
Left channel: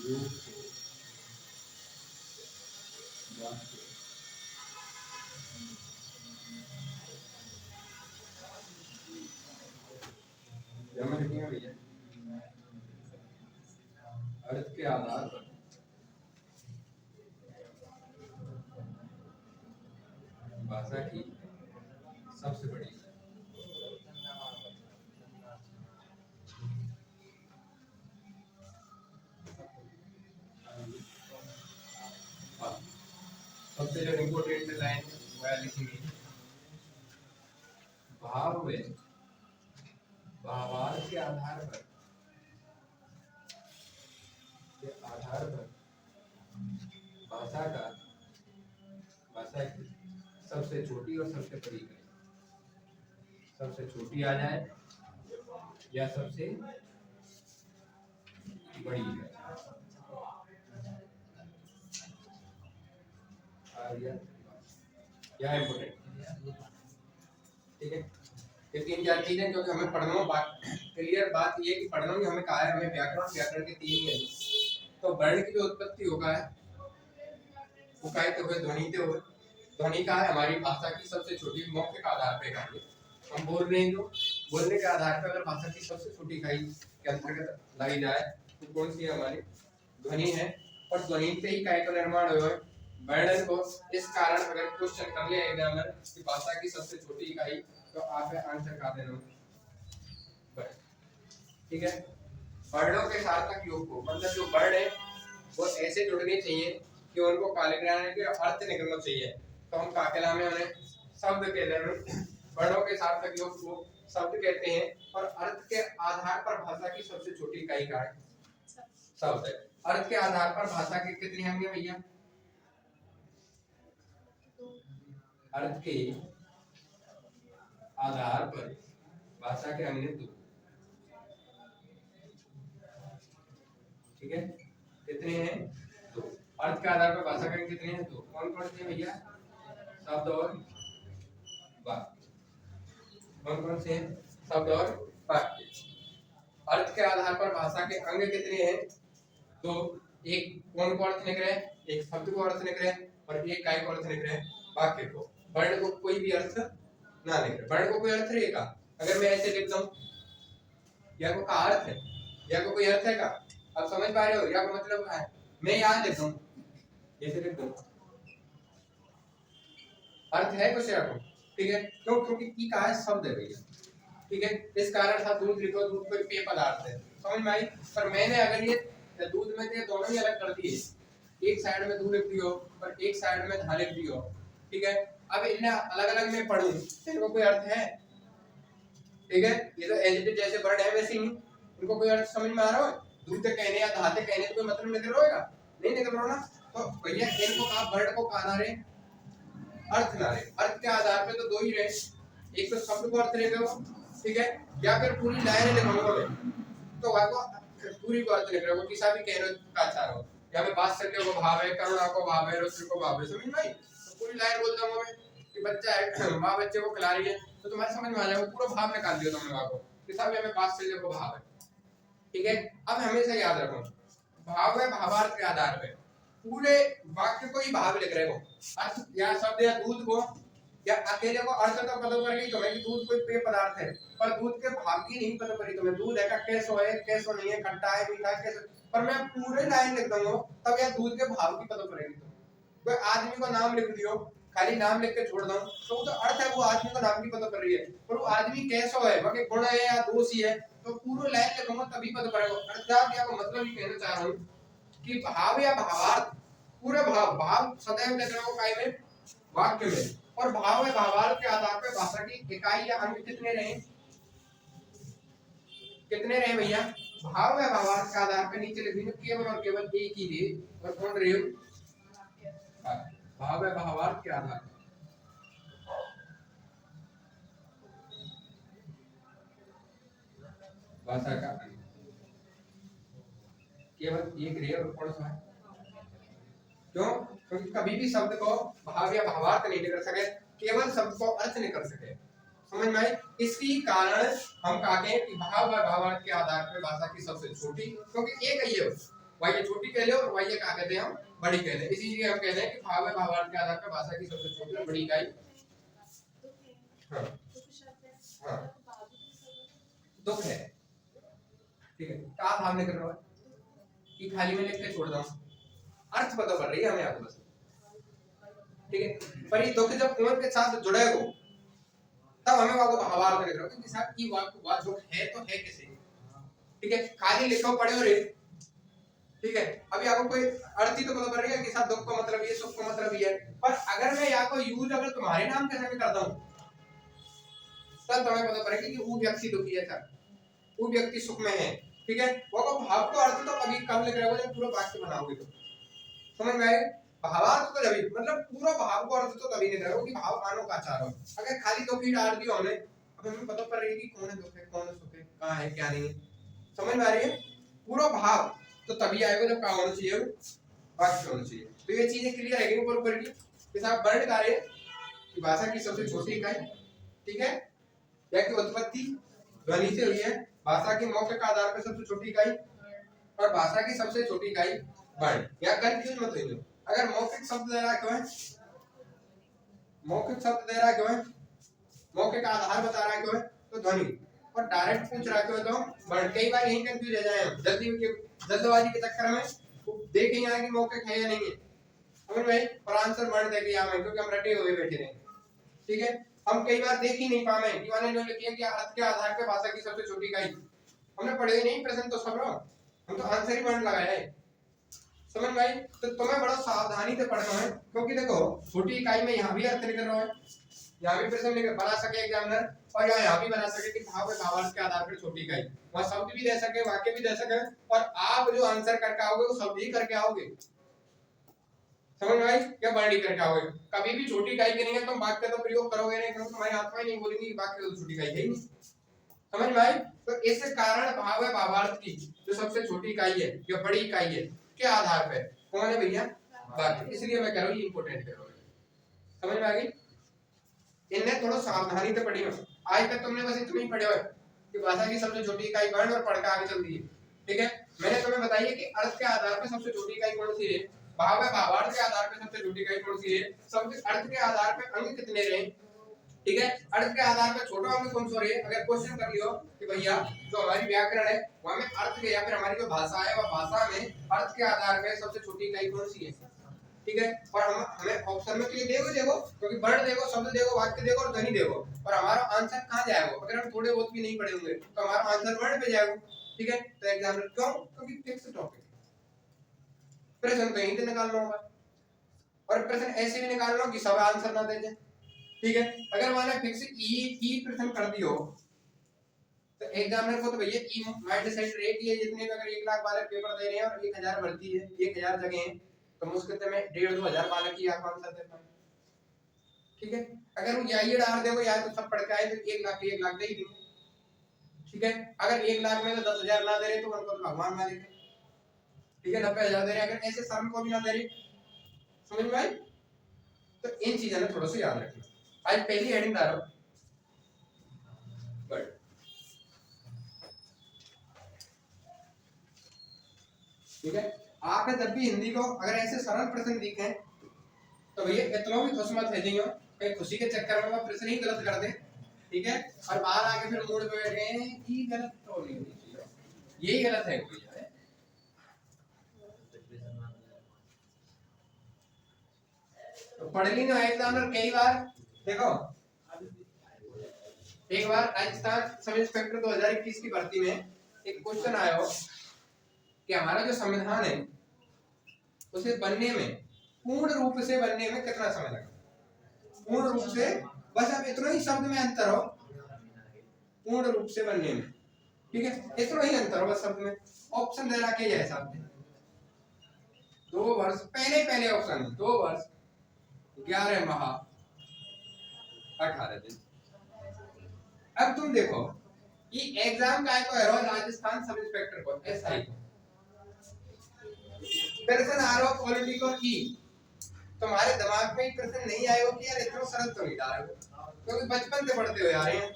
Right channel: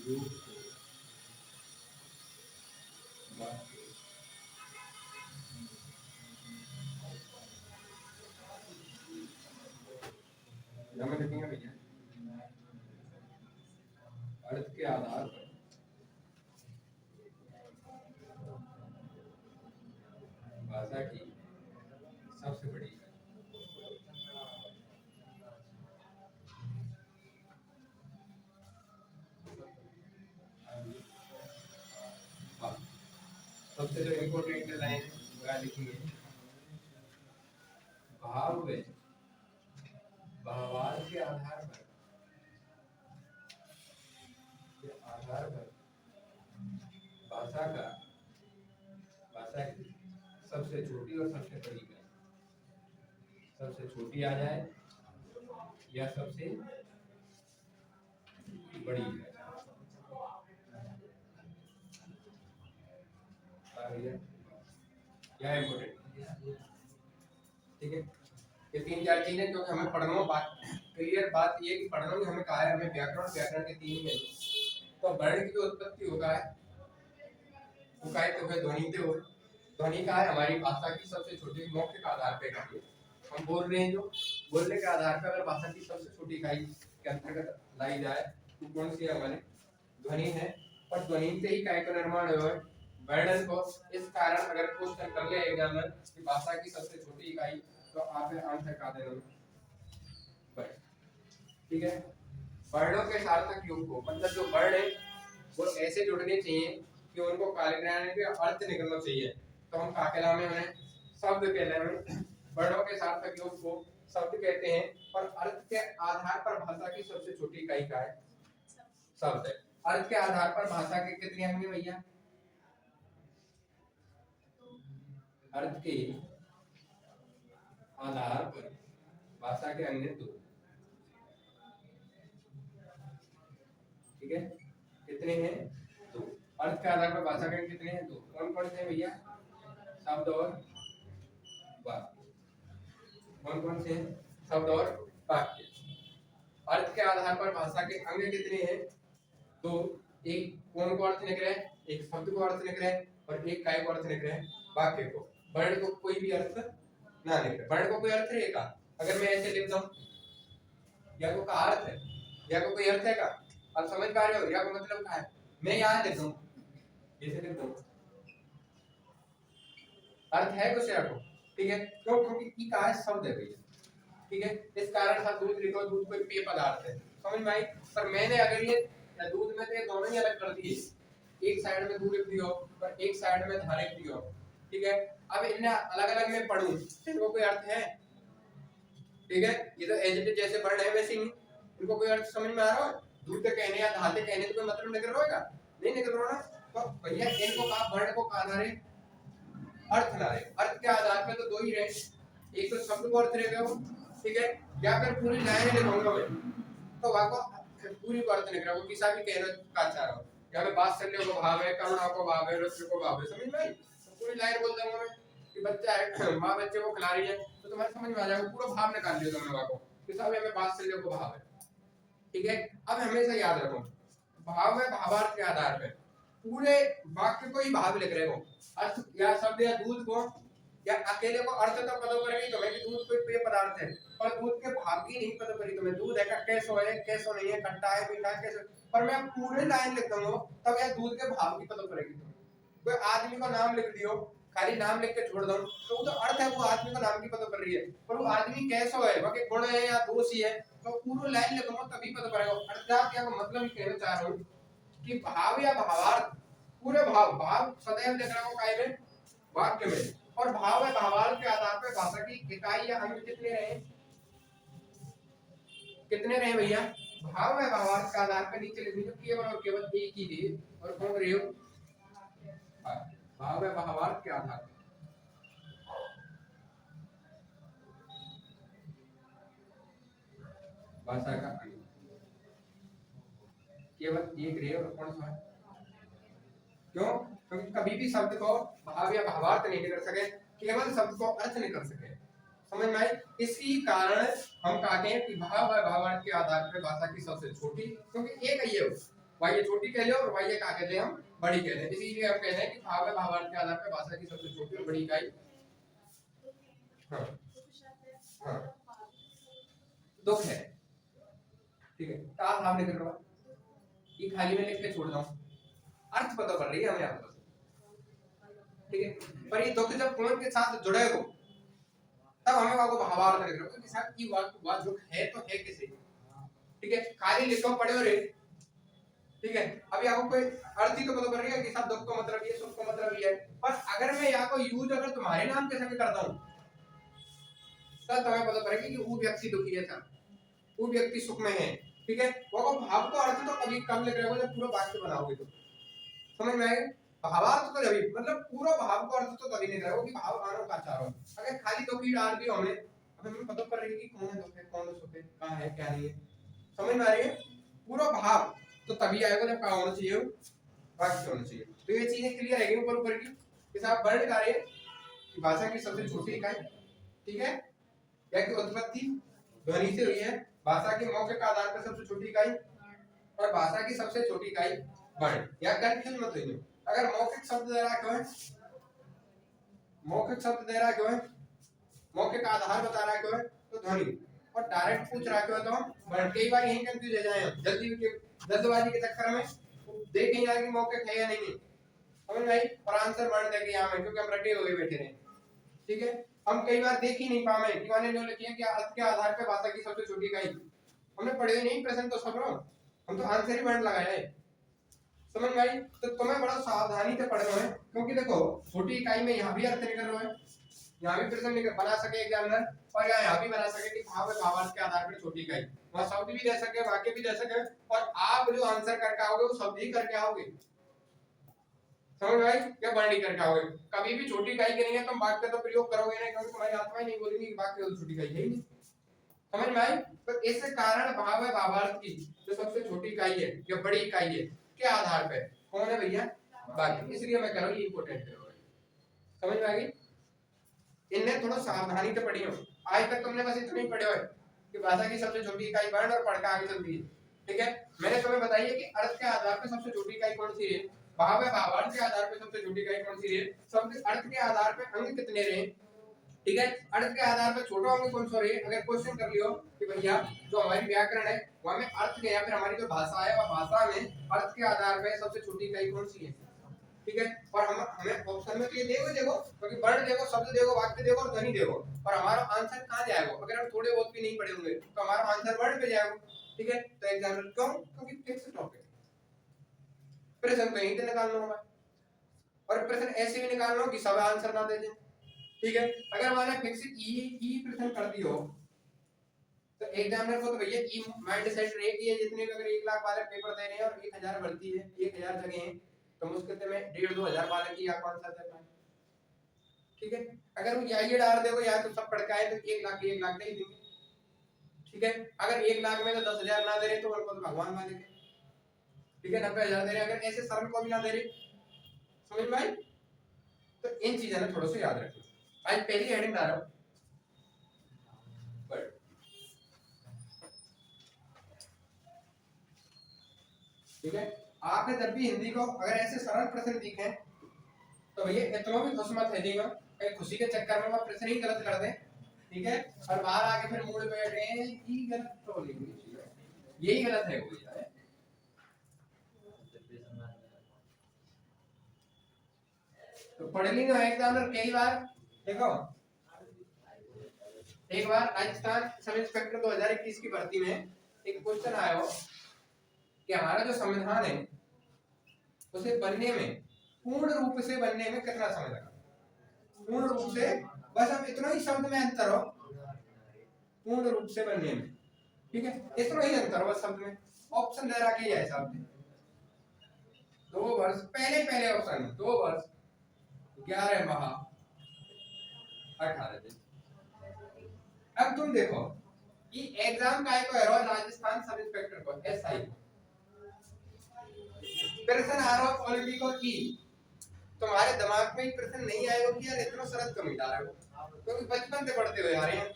योग को वाक्य जमा लिखेंगे भैया। अर्थ के आधार पर भाषा की सबसे बड़ी सबसे जो इम्पोर्टेंट लाइन वह लिखेंगे, भाव व भावार्थ के आधार पर भाषा की सबसे छोटी और सबसे बड़ी इकाई, सबसे छोटी आ जाए या सबसे बड़ी इकाई क्या इम्पोर्टेंट, ठीक है। ये तीन चार चीजें जो कि हमें पढ़ना बात क्लियर बात ये कि पढ़ना कि हमें कहा है हमें व्याकरण के तीन है। तो वर्ण की जो उत्पत्ति होगा है वो कहते हुए ध्वनिते हुए, ध्वनि का है हमारी भाषा की सबसे छोटी मौखिक के आधार पे इकाई। हम बोल रहे हैं जो बोलने के आधार पर अगर भाषा की सबसे छोटी इकाई के अंतर्गत लाई जाए तो कौन सी है हमारी ध्वनि है। और ध्वनि से ही इकाई का निर्माण हुआ है वर्णन को। इस कारण अगर क्वेश्चन कर ले एग्जामिनर कि भाषा की सबसे छोटी इकाई तो आप आंसर का देना, ठीक है। वर्णों के सार्थक योग को मतलब जो वर्ण है वो ऐसे जुड़ने चाहिए कि उनको कालिग्राम के अर्थ निकलना चाहिए। तो हम का कहलाते हैं उन्हें शब्द कहते हैं। वर्णों के सार्थक योग को शब्द कहते हैं और अर्थ के आधार पर भाषा की सबसे छोटी इकाई का है शब्द है। अर्थ के आधार पर भाषा के कितने अंग हैं भैया? अर्थ के आधार पर भाषा के अंग दो, ठीक है। कितने हैं? दो। अर्थ के आधार पर भाषा के अंग कितने हैं? दो। कौन कौन से भैया? शब्द और वाक्य। कौन कौन से हैं? शब्द और वाक्य। अर्थ के आधार पर भाषा के अंग कितने हैं? दो। एक कौन को अर्थ निकले? एक शब्द को अर्थ निकले और एक काय को अर्थ निकले वाक्य को। वर्ण को कोई भी अर्थ ना निकले। वर्ण को कोई अर्थ रहेगा अगर मैं ऐसे लिख दूं या को का अर्थ है या को कोई अर्थ है का? अब समझ पा रहे हो या का मतलब क्या है? मैं यहाँ लिख दूं ऐसे लिख दूं अर्थ है कुछ या को, ठीक है। क्यों? क्योंकि की का है शब्द है भैया, ठीक है। इस कारण था दूध लिखो, दूध कोई पेय पदार्थ है, समझ में आई। पर मैंने अगर ये दूध में से दोनों ही अलग कर दिए, एक साइड में दूध लिख दियो और एक साइड में धार लिख दियो, ठीक है। अब इन्हें अलग अलग मैं पढ़ूं इनको कोई अर्थ है? ठीक है, ये तो एज जैसे वर्ण है वैसे ही इनको कोई अर्थ समझ में आ रहा है? दूध कहने या धाते कहने तो कोई मतलब निकल रहा होगा? नहीं निकल रहा ना। तो भैया इनको कहा वर्ण को कहा ना रे अर्थ ना रे। अर्थ के आधार पे तो दो ही रहे, एक तो शब्द को अर्थ रहेगा वो, ठीक है, या फिर पूरी लाइन लिखाऊंगा मैं तो वहां को पूरी को अर्थ लिख रहा हूं। किसी भी कह रहे का चाह रहा हूं या मैं वात्सल्य को भाव है, करुणा को भाव है, रुद्र को भाव है, समझ में आई? तो पूरी लाइन बोल दूंगा मैं कि बच्चा है मां बच्चे को खिला रही है तो तुम्हारे समझ में आ जाएगा, पूरा भाव निकाल दिया तुमने वहां को किसी भी हमें वात्सल्य को भाव है, ठीक है। अब हमेशा याद रखो भाव है भावार्थ के आधार पे पूरे वाक्य को ही भाव लिख रहे हो। अर्थ या शब्द या दूध को या अकेले को अर्थ तो पता पड़ेगी तुम्हें कि दूध कोई पेय पदार्थ है, पर दूध के भाव की नहीं पता पड़ी तुम्हें। दूध है का कैसो है, कैसो नहीं है, खट्टा है, मीठा है, कैसो। पर मैं पूरे लाइन लिख दूंगा तब यार दूध के भाव की पता पड़ेगी तुम्हें। कोई आदमी को नाम लिख दियो, खाली नाम लिख के छोड़ दो तो अर्थ है वो आदमी को नाम की पता पड़ रही है, पर वो आदमी कैसो है, बाकी गुण है या दोष ही है, तो पूरी लाइन लिखूंगा तभी पता पड़ेगा। अर्थात क्या मतलब ये कहना चाह रहा हूँ कि भाव या भावार्थ पूरे भाव सदैव लिख रहा हूं काय में? वाक्य में। और भाव है भावार्थ के आधार पर भाषा की इकाई या अंग कितने रहे? कितने रहे भैया? भाव है भावार्थ के आधार पर नीचे लिख दीजिए केवल और केवल एक ही रहे। और कौन रहे हो? भाव है भावार्थ के आधार पर भाषा का अंग केवल एक रहे। और कौन सा है? क्यों? क्योंकि कभी भी शब्द को भाव या भावार्थ नहीं कर सके, केवल शब्द को अर्थ नहीं कर सके। समझ में आई। इसी कारण हम कहते हैं कि भाव व भावार्थ के आधार पर भाषा की सबसे छोटी, क्योंकि एक ही है वाह्य छोटी कह लो और वाह्य क्या कहते हैं हम बड़ी कहते हैं, इसीलिए हम कहते हैं कि भाव व भावार्थ के आधार पर भाषा की सबसे छोटी और बड़ी इकाई हाँ हाँ दुख है। ठीक है, क्या भाव निकल रहा है ये खाली में लिख के छोड़ दूं, अर्थ पता कर रही है हमें आपको बस। ठीक है, पर ये दुख जब कौन के साथ जुड़ेगा तब हमें वाको भावार्थ लिख रहा क्योंकि साहब की वाक दुख है तो है किसे। ठीक है, खाली लिखो पढ़े हो रे। ठीक है, अभी आपको कोई अर्थ ही तो पता पड़ रही है कि साहब दुख का मतलब ये सुख का मतलब ये है, पर अगर मैं या को यूज अगर तुम्हारे नाम के संग करता हूं तब तुम्हें पता पड़ेगा कि वो व्यक्ति दुखी है सर, वो व्यक्ति सुख में है। ठीक है, वो भाव का अर्थ तो कभी कब लिख रहे हो जब पूरा वाक्य बनाओगे तो समझ में आएगा। भावार्थ तो जब मतलब पूरा भाव का अर्थ तो तभी निकल रहा हो कि भाव मानो का चारों, अगर खाली दुख ही डाल दियो हमने अब हमें पता पड़ रही है कि कौन है दुख है कौन है सुख है कहां है क्या नहीं है, समझ में आ रही है। पूरा भाव तो तभी आएगा जब क्या होना चाहिए वाक्य होना चाहिए। तो ये चीजें क्लियर है ऊपर ऊपर की जैसे आप वर्ण कार्य कि भाषा की सबसे छोटी इकाई ठीक है या कि उत्पत्ति ध्वनि से हुई है, भाषा के मौखिक आधार पर सबसे छोटी इकाई और भाषा की सबसे छोटी इकाई वर्ण। या कंफ्यूज मत होइए, अगर मौखिक शब्द दे रहा क्यों है, मौखिक शब्द दे रहा क्यों है, मौखिक आधार बता रहा क्यों है तो ध्वनि, और डायरेक्ट पूछ रहा क्यों तो वर्ण। कई बार यही कंफ्यूज हो जाए हम जल्दबाजी के चक्कर में देखें यहाँ की मौखिक है या नहीं है समझ में, और आंसर वर्ण देके यहाँ में क्योंकि हम रटे हुए बैठे रहे। ठीक है, हम कई बार देख ही नहीं पाए कि मैंने जो लिखी है कि अर्थ के आधार पर भाषा की सबसे छोटी इकाई, हमने पढ़े ही नहीं प्रश्न तो सब हम तो आंसर ही वर्ण लगाया है समझ में आई। तो तुम्हें बड़ा सावधानी से पढ़ना है क्योंकि देखो छोटी इकाई में यहाँ भी अर्थ निकल रहा है, यहाँ भी प्रश्न बना सके एग्जामिनर और यहाँ भी बना सके कि भाव भावार्थ के आधार पर छोटी इकाई, वहाँ शब्द भी दे सके वाक्य भी दे सके और आप जो आंसर करके आओगे वो शब्द ही करके आओगे समझ में आई, क्या वर्ण करके आओगे। कभी भी छोटी इकाई करेंगे तुम वाक्य तो प्रयोग करोगे नहीं क्योंकि तुम्हारी आत्मा ही नहीं बोलेंगी कि वाक्य तो छोटी इकाई है ही नहीं समझ में आई। तो इस कारण भाव भावार्थ की जो सबसे छोटी इकाई है या बड़ी इकाई है के आधार पे कौन है भैया वाक्य, इसलिए मैं कह रहा हूँ ये इंपॉर्टेंट है समझ में आ गई। इन्हें थोड़ा सावधानी से पढ़िए, आज तक तुमने बस इतना ही पढ़े हुए कि भाषा की सबसे छोटी इकाई वर्ण और पढ़ के आगे चल रही है। ठीक है, मैंने तुम्हें बताइए कि अर्थ के आधार पर सबसे छोटी इकाई कौन सी है, भाव भावार्थ के आधार पर सबसे छोटी इकाई कौन सी है, सबसे अर्थ के आधार पर अंक कितने रहे। ठीक है, अर्थ के आधार पर छोटा अंक कौन सा रहे, अगर क्वेश्चन कर लियो कि भैया जो हमारी व्याकरण है वहां में अर्थ के या फिर हमारी जो भाषा है वह भाषा में अर्थ के आधार पर सबसे छोटी इकाई कौन सी है। ठीक है, और हम हमें ऑप्शन में तो ये देखो क्योंकि वर्ण देखो शब्द देखो वाक्य देखो और ध्वनि देखो और हमारा आंसर कहां जाएगा, अगर हम थोड़े बहुत भी नहीं पढ़े होंगे तो हमारा आंसर वर्ण पे जाएगा। ठीक है, तो एग्जाम्पल क्यों, क्योंकि फिक्स टॉपिक प्रश्न तो यहीं से निकालना होगा और प्रश्न ऐसे भी निकालना कि सब आंसर ना दे जाए। ठीक है, अगर मैंने फिक्स ई प्रश्न कर दियो तो एग्जामिनर को तो भैया ई माइंड सेट रहे कि ये जितने भी अगर 1 लाख बालक पेपर दे रहे हैं और 1000 भर्ती है 1000 जगह हैं तो मुश्किल से मैं 1.5-2 हजार बालक ही आपको आंसर दे पाऊं। ठीक है, अगर वो ये डाल देगो या तो सब पढ़ के आए तो 1 लाख दे ही देंगे। ठीक है, अगर 1 लाख में तो 10,000 ना दे रहे तो उनको भगवान मालिक है। ठीक है, 90,000 दे रहे अगर ऐसे शर्म को भी ना दे रहे समझ में आई। तो इन चीजों ने थोड़ा सा याद रखना। आज पहली हेडिंग डालो बट ठीक है, आपने जब भी हिंदी को अगर ऐसे सरल प्रश्न दिखे तो भैया इतना भी खुश मत है दियो कहीं खुशी के चक्कर में वो प्रश्न ही गलत कर दे। ठीक है, और बाहर आके फिर मूड पे बैठ गए ये गलत तो नहीं होनी चाहिए, यही गलत है कोई है। तो पढ़ ली ना एग्जामिनर कई बार देखो, एक बार राजस्थान सब इंस्पेक्टर 2021 की भर्ती में एक क्वेश्चन आया हो कि हमारा जो संविधान है उसे बनने में पूर्ण रूप से बनने में कितना समय लगा, पूर्ण रूप से बस अब इतना ही शब्द में अंतर हो पूर्ण रूप से बनने में। ठीक है, इतना ही अंतर हो बस शब्द में। ऑप्शन दे रहा कि यह शब्द 2 वर्ष पहले ऑप्शन 2 वर्ष 11 माह 18 दिन। अब तुम देखो कि एग्जाम का है तो राजस्थान सब इंस्पेक्टर को एसआई प्रश्न आ रहा हो पॉलिटिकल की, तुम्हारे दिमाग में प्रश्न नहीं आएगा कि यार इतना सरल तो नहीं डाल रहे हो क्योंकि बचपन से पढ़ते हुए आ रहे हैं।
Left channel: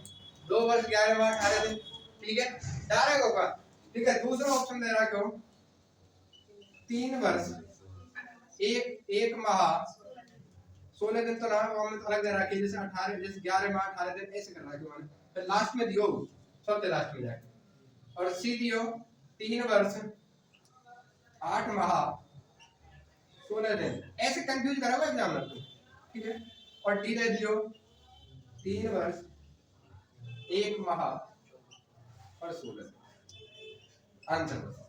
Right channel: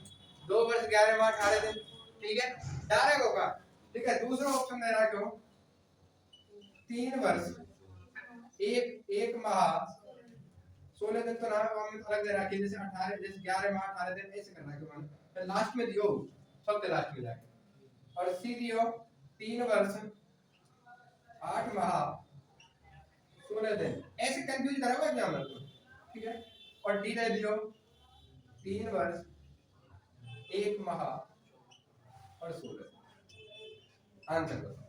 2 वर्ष 11 माह 18 दिन, ठीक है, डायरेक्ट होगा। ठीक है, दूसरा ऑप्शन दे रहा है क्यों, 3 वर्ष 1 माह 16 दिन, तो ना हमने अलग दे रहा है, जैसे 18, जैसे 11 माह 18 दिन ऐसे करना है क्यों, फिर लास्ट में दियो सबसे लास्ट में जाके, और सी दियो 3 वर्ष 8 माह 16 दिन, ऐसे कंफ्यूज करा हुआ एग्जामिनर को, ठीक है। और डी दे दियो 3 वर्ष 1 माह और 16 दिन, आंसर बताओ,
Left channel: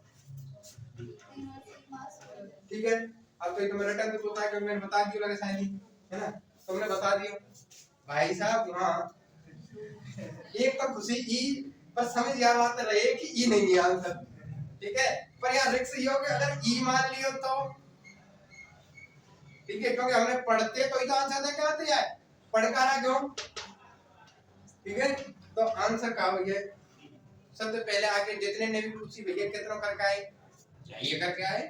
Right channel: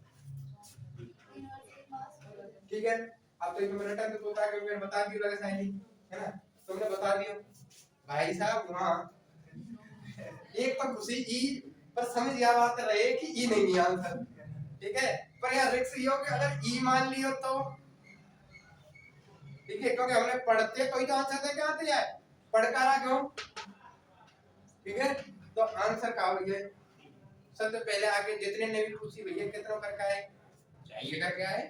ठीक है। अब तो ये तो रिटर्न तो होता है कि मैंने बता दिया लगे शायद, है ना, तुमने बता दिया भाई साहब। हाँ, एक तो खुशी ई, पर समझ यार आते रहे कि ई नहीं है आंसर, ठीक है। पर यहाँ रिक्स ये हो कि अगर ई मान लियो तो, ठीक है, क्योंकि हमने पढ़ते तो ही तो आंसर दे के आते हैं, पढ़कारा क्यों, ठीक है। तो आंसर का भैया सबसे पहले आके जितने ने भी पूछी भैया कितना करके आए, चाहिए करके आए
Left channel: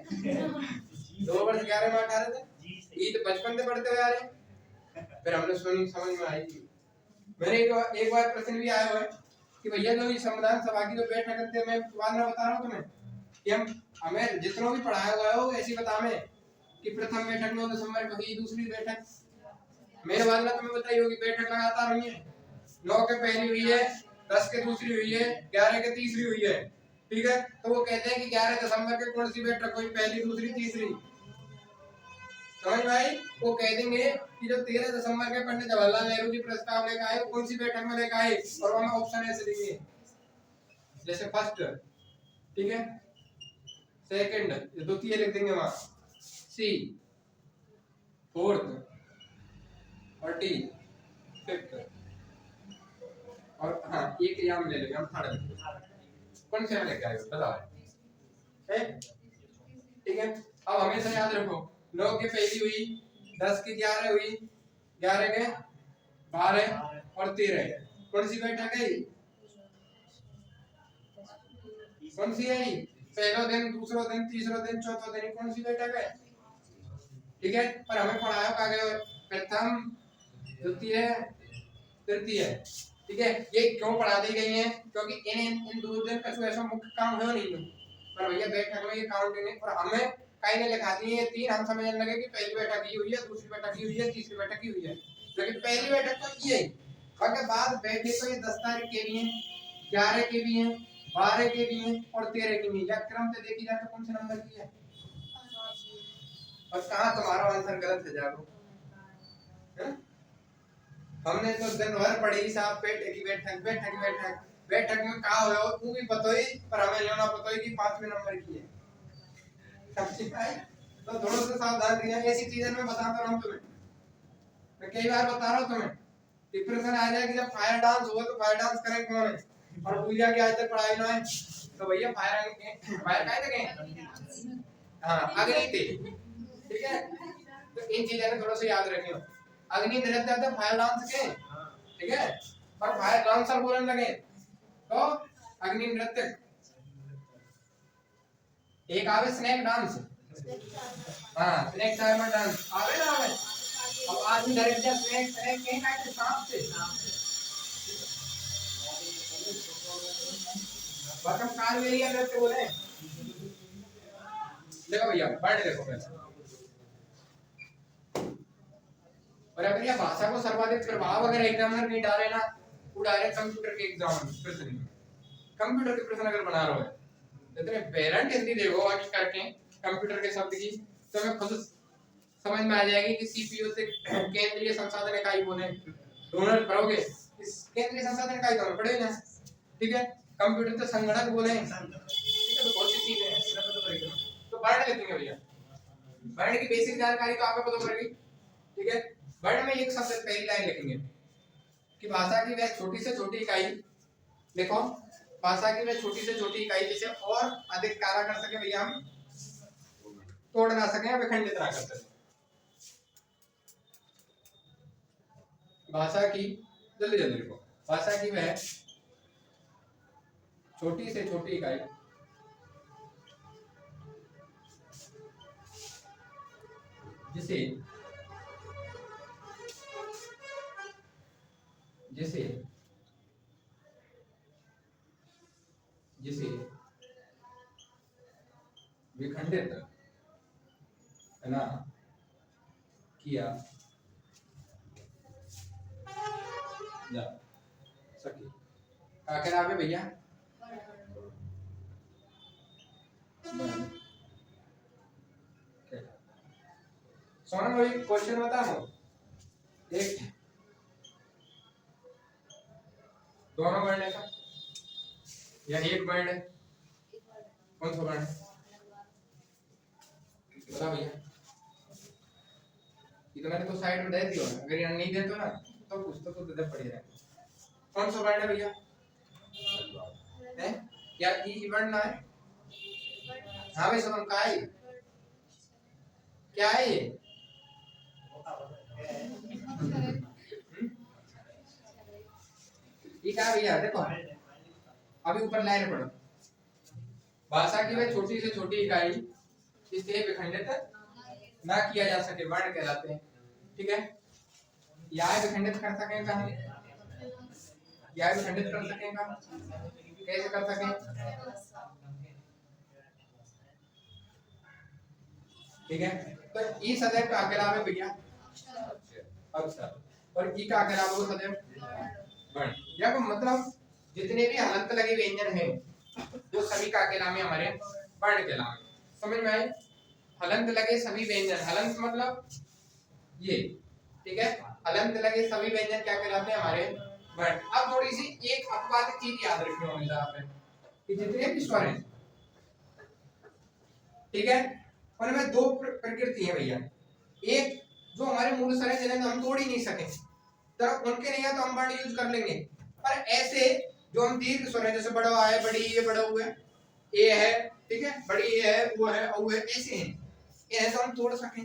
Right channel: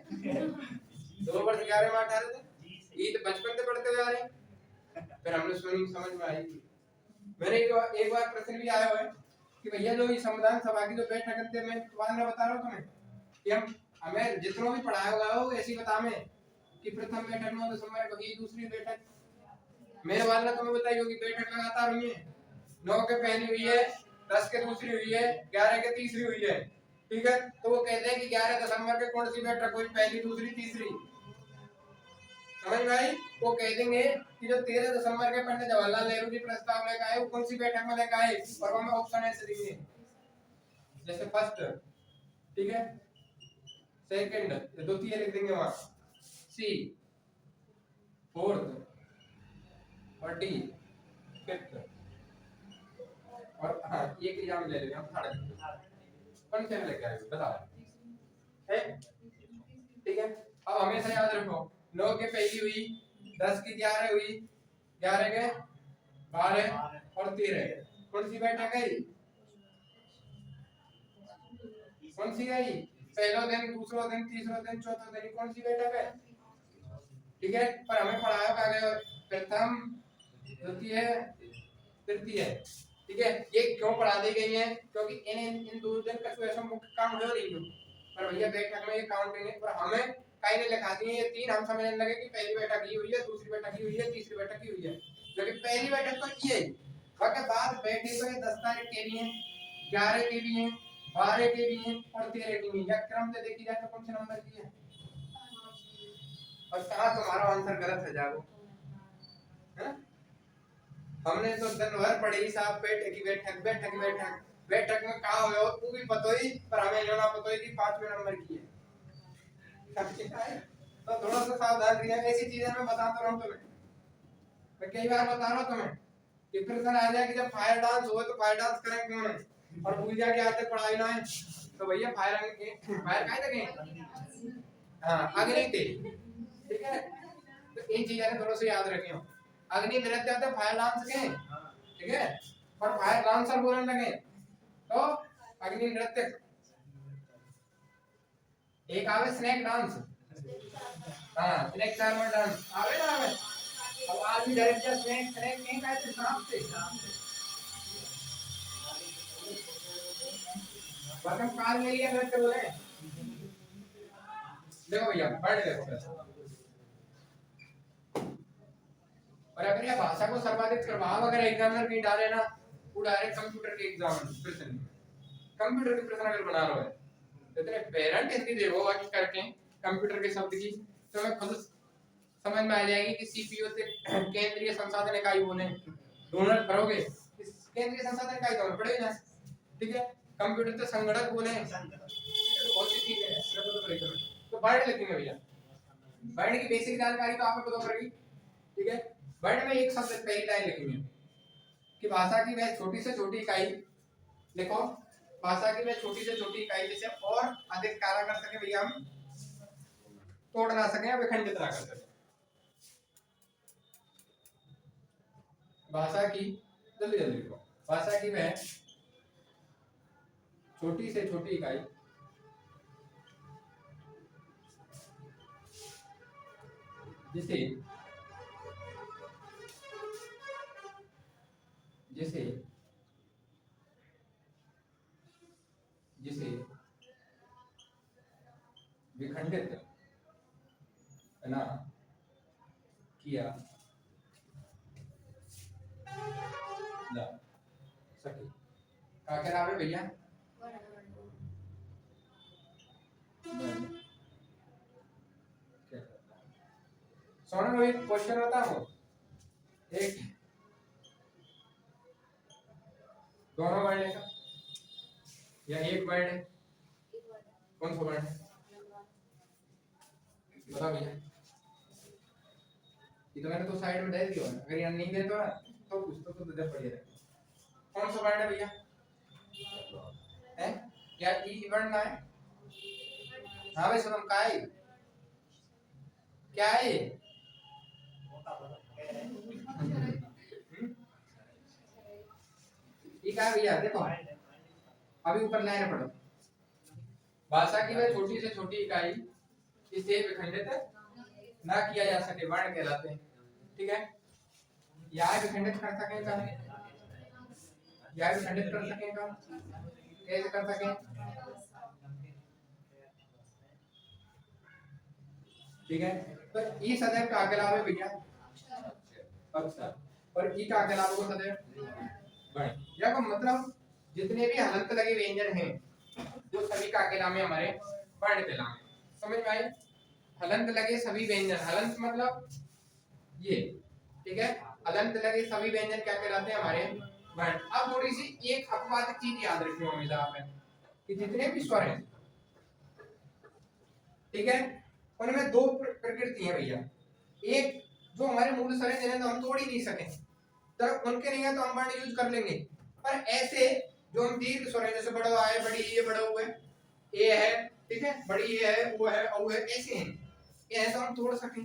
2 वर्ष 11 माह 18 दिन, ये तो बचपन से पढ़ते हुए आ रहे हैं। फिर हमने सुनी समझ में आई। मैंने एक बार प्रश्न भी आया हुआ है कि भैया जो ये संविधान सभा की जो बैठक करते हैं, मैं बाद में बता रहा हूँ तुम्हें कि हमें जितना भी पढ़ाया हुआ है वो ऐसी बता में कि प्रथम बैठक 9 दिसंबर को की, दूसरी बैठक मेरे वाला तुम्हें बताई होगी, बैठक लगातार हुई है, 9 के पहली हुई है, 10 के दूसरी हुई है, 11 के तीसरी हुई है, ठीक है। तो वो कहते हैं कि 11 दिसंबर के कौन सी बैठक हुई, पहली दूसरी तीसरी, समझ में आई। वो कह देंगे कि जो 13 दिसंबर के पंडित जवाहरलाल नेहरू जी प्रस्ताव लेकर आए वो कौन सी बैठक में लेकर आए, और वहां ऑप्शन ऐसे देंगे, जैसे फर्स्ट, ठीक है, सेकंड, द्वितीय लिख देंगे वहां, सी फोर्थ, और डी फिफ्थ, और हाँ एक एग्जाम ले लेंगे हम थर्ड, कौन से में लेके आए बताओ, है, ठीक है। अब हमेशा याद रखो 9 के पहली हुई, 10 की 11 हुई, 11 के 12 और 13, कौन सी बैठक है, कौन सी है, पहला दिन, दूसरा दिन, तीसरा दिन, चौथा दिन, कौन सी बैठक है, ठीक है। पर हमें पढ़ाया कहा गया प्रथम द्वितीय तृतीय, ठीक है। ये क्यों पढ़ा दी गई है, क्योंकि इन 2 दिन का ऐसा मुख्य काम है नहीं, पर भैया बैठक में ये काउंट नहीं, और हमें कहीं नहीं लिखा दी है ये 3, हम समझने लगे कि पहली बैठक ही हुई है, दूसरी बैठक ही हुई है, तीसरी बैठक ही हुई है, लेकिन पहली बैठक तो ये, उसके बाद बैठे तो ये 10 तारीख के भी हैं, 11 के भी हैं, 12 के भी हैं, और 13 के भी, या क्रम से देखी जाए तो कौन से नंबर की है, और कहाँ तुम्हारा आंसर गलत है जाओ, हमने तो दिन भर पढ़ी साहब, बैठक की बैठक, बैठक की बैठक, बैठक में कहा हो तू भी पतो ही, पर हमें लेना पतो ही कि 5वें नंबर की है, तो थोड़ा सा सावधान रहिए, ऐसी चीजें मैं बताता रहा हूं तुम्हें, मैं कई बार बता रहा हूं तुम्हें, डिप्रेशन आ जाए कि जब फायर डांस हो तो फायर डांस करें कौन है, और भूल जा के आज तक पढ़ाई ना है, तो भैया फायर काहे लगे, हाँ अग्नि थे, ठीक है। तो इन चीजें थोड़ा सा याद रखियो, अग्नि दिलक जाते फायर डांस के, ठीक है, पर फायर डांसर बोलने लगे तो अग्नि नृत्य, एक आवे स्नेक डांस, हाँ स्नेक चार्मर डांस आवे ना आवे, अब आदमी डायरेक्ट जा स्नेक स्नेक कहीं का है सांप से, बस हम काल में लिया नृत्य बोले, देखो भैया पढ़ देखो पहले, और अगर ये भाषा को सर्वाधिक प्रभाव अगर एग्जामिनर नहीं डाले ना, वो डायरेक्ट कंप्यूटर के एग्जाम प्रश्न, कंप्यूटर के प्रश्न अगर बना रहे हो, इतने पेरेंट हिंदी देखो आगे करके कंप्यूटर के शब्द की, तो हमें खुद समझ में आ जाएगी कि सीपीयू से केंद्रीय संसाधन इकाई बोले, दोनों पढ़ोगे, इस केंद्रीय संसाधन इकाई दोनों पढ़े ना, ठीक है। कंप्यूटर तो संगणक बोले, ठीक है, तो बहुत सी चीजें हैं, तो वर्ड लिखेंगे भैया, वर्ड की बेसिक जानकारी तो आपको पता पड़ेगी, ठीक है। वर्ड में एक शब्द पहली लाइन लिखेंगे कि भाषा की वह छोटी से छोटी इकाई, देखो भाषा की वह छोटी से छोटी इकाई जिसे और अधिक कार्य कर सके भैया, हम तोड़ ना सके या विखंडित ना कर सके, भाषा की, जल्दी जल्दी लिखो, भाषा की वह छोटी से छोटी इकाई जिसे जिसे जिसे विखंडित ना किया जा सके। क्या कह रहा है भैया? सोना में एक क्वेश्चन बताऊं, एक दोनों वर्ण है या एक वर्ण है? कौन सा वर्ण है बताओ भैया? ये तो मैंने तो साइड में दे दिया, अगर यहाँ नहीं दे तो ना तो कुछ तो दे पड़ी रहे। कौन सा वर्ण है भैया? है या ई वर्ण ना है? हाँ भाई सुनो, क्या है? क्या है ये? क्या है भैया? देखो अभी ऊपर लाइन पढ़ो, भाषा की वह छोटी से छोटी इकाई इसे विखंडित ना किया जा सके वर्ण कहलाते हैं। ठीक है, या विखंडित कर सकें तो हम या विखंडित कर सकें का कैसे कर सकें? ठीक है, तो ई सदैव का अकेला में भैया अक्षर और ई का अकेला वो सदैव वर्ण। या को मतलब जितने भी हलंत लगे व्यंजन हैं जो सभी का अकेला में हमारे वर्ण कहलाते हैं। समझ में आई? हलंत लगे सभी व्यंजन, हलंत मतलब ये, ठीक है, हलंत लगे सभी व्यंजन क्या कहलाते हैं? हमारे वर्ण। अब थोड़ी सी एक अपवाद चीज याद रखनी हमेशा आपने कि जितने भी स्वर हैं, ठीक है, उनमें दो प्रकृति है भैया। एक जो हमारे मूल स्वर है जिन्हें तो हम तोड़ ही नहीं सके, तो उनके नहीं है तो हम वर्ण यूज कर लेंगे। पर ऐसे जो हम दीर्घ स्वर है जैसे बड़ा आ है, बड़ी ये बड़ा हुआ है, ए है, ठीक है, बड़ी ये है, वो है, औ है, ऐसे हैं, ये तो हम तोड़ सकें।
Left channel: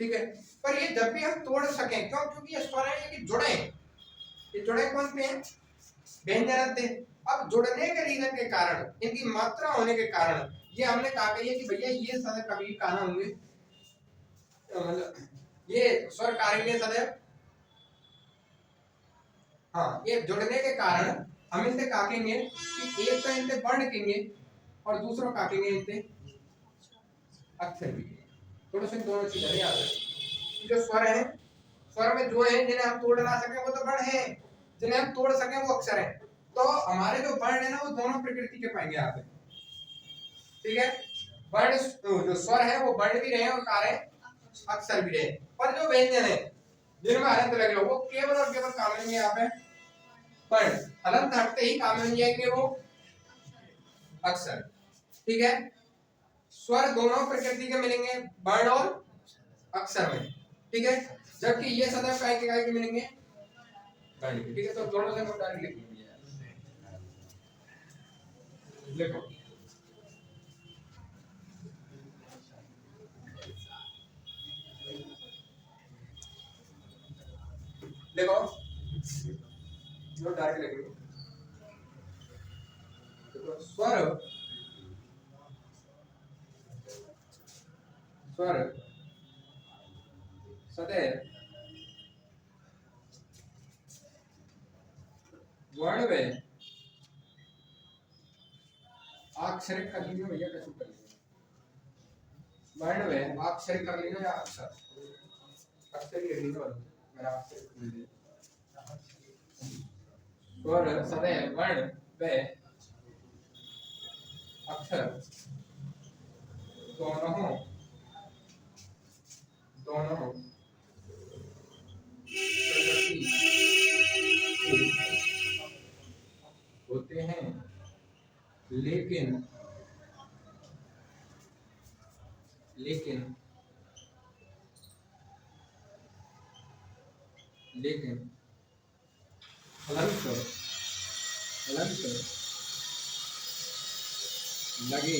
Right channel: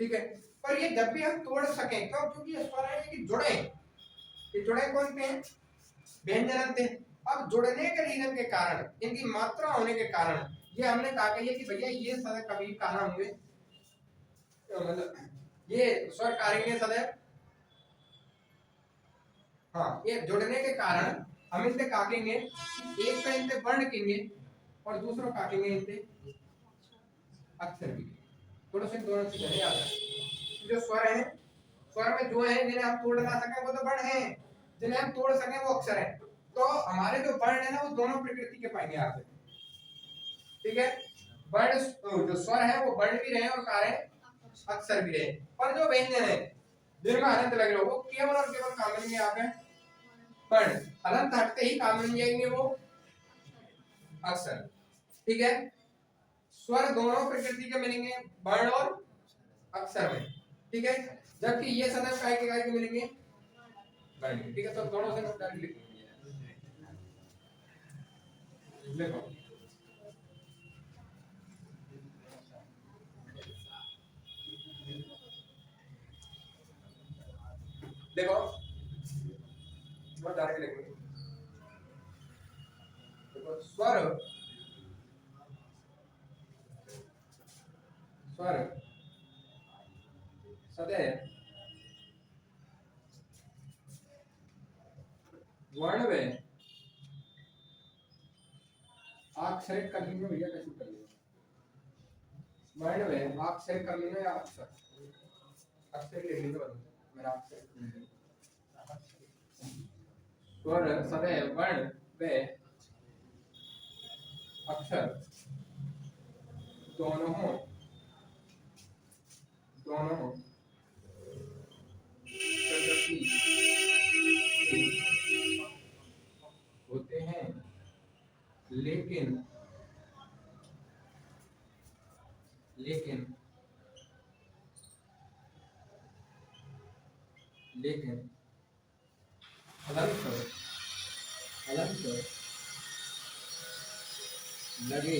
ठीक है, पर ये जब भी हम तोड़ सकें क्यों? क्योंकि ये स्वर है ये जुड़े हैं। ये जुड़े कौन पे हैं? व्यंजन थे। अब जुड़ने के रीजन के कारण, इनकी मात्रा होने के कारण ये हमने कहा है कि भैया ये सदैव कभी काना होंगे, मतलब ये स्वर कारेंगे सदैव। हाँ, ये जुड़ने के कारण हम इनसे काटेंगे कि एक तो इनसे वर्ण कहेंगे और दूसरों काटेंगे इनसे अक्षर भी। थोड़ा सा दोनों चीजें याद रखें। जो स्वर है, स्वर में जो है जिन्हें हम तोड़ ना सके वो तो वर्ण है, जिन्हें हम तोड़ सके वो अक्षर है। तो हमारे जो वर्ण है ना वो दोनों प्रकृति के पाएंगे यहाँ पे। ठीक है, वर्ण जो स्वर है वो वर्ण भी रहे और कार्य अक्षर भी रहे, पर जो व्यंजन है जिनमें हलंत लग रहा हो वो केवल और केवल काम मिलेंगे यहाँ पे वर्ण। हलंत हटते ही काम मिल जाएंगे वो अक्षर। ठीक है, स्वर दोनों प्रकृति के मिलेंगे वर्ण और अक्षर में। ठीक है, जबकि ये सदैव काय के मिलेंगे वर्ण के। ठीक है, तो दोनों से हम डायरेक्ट लिख देखो देखो जो डायरेक्ट लिखेंगे। देखो स्वर स्वर सदैव वर्ण में आक्षरिक कर लेंगे भैया, कैसे कर लेंगे? वर्ण में आक्षरिक कर लेंगे या अक्षर अक्षर ही लेंगे बस, मेरा आक्षरिक कर लेंगे। स्वर सदैव वर्ण में अक्षर दोनों दोनों प्रकृति होते हैं, लेकिन लेकिन लेकिन हलंत लगे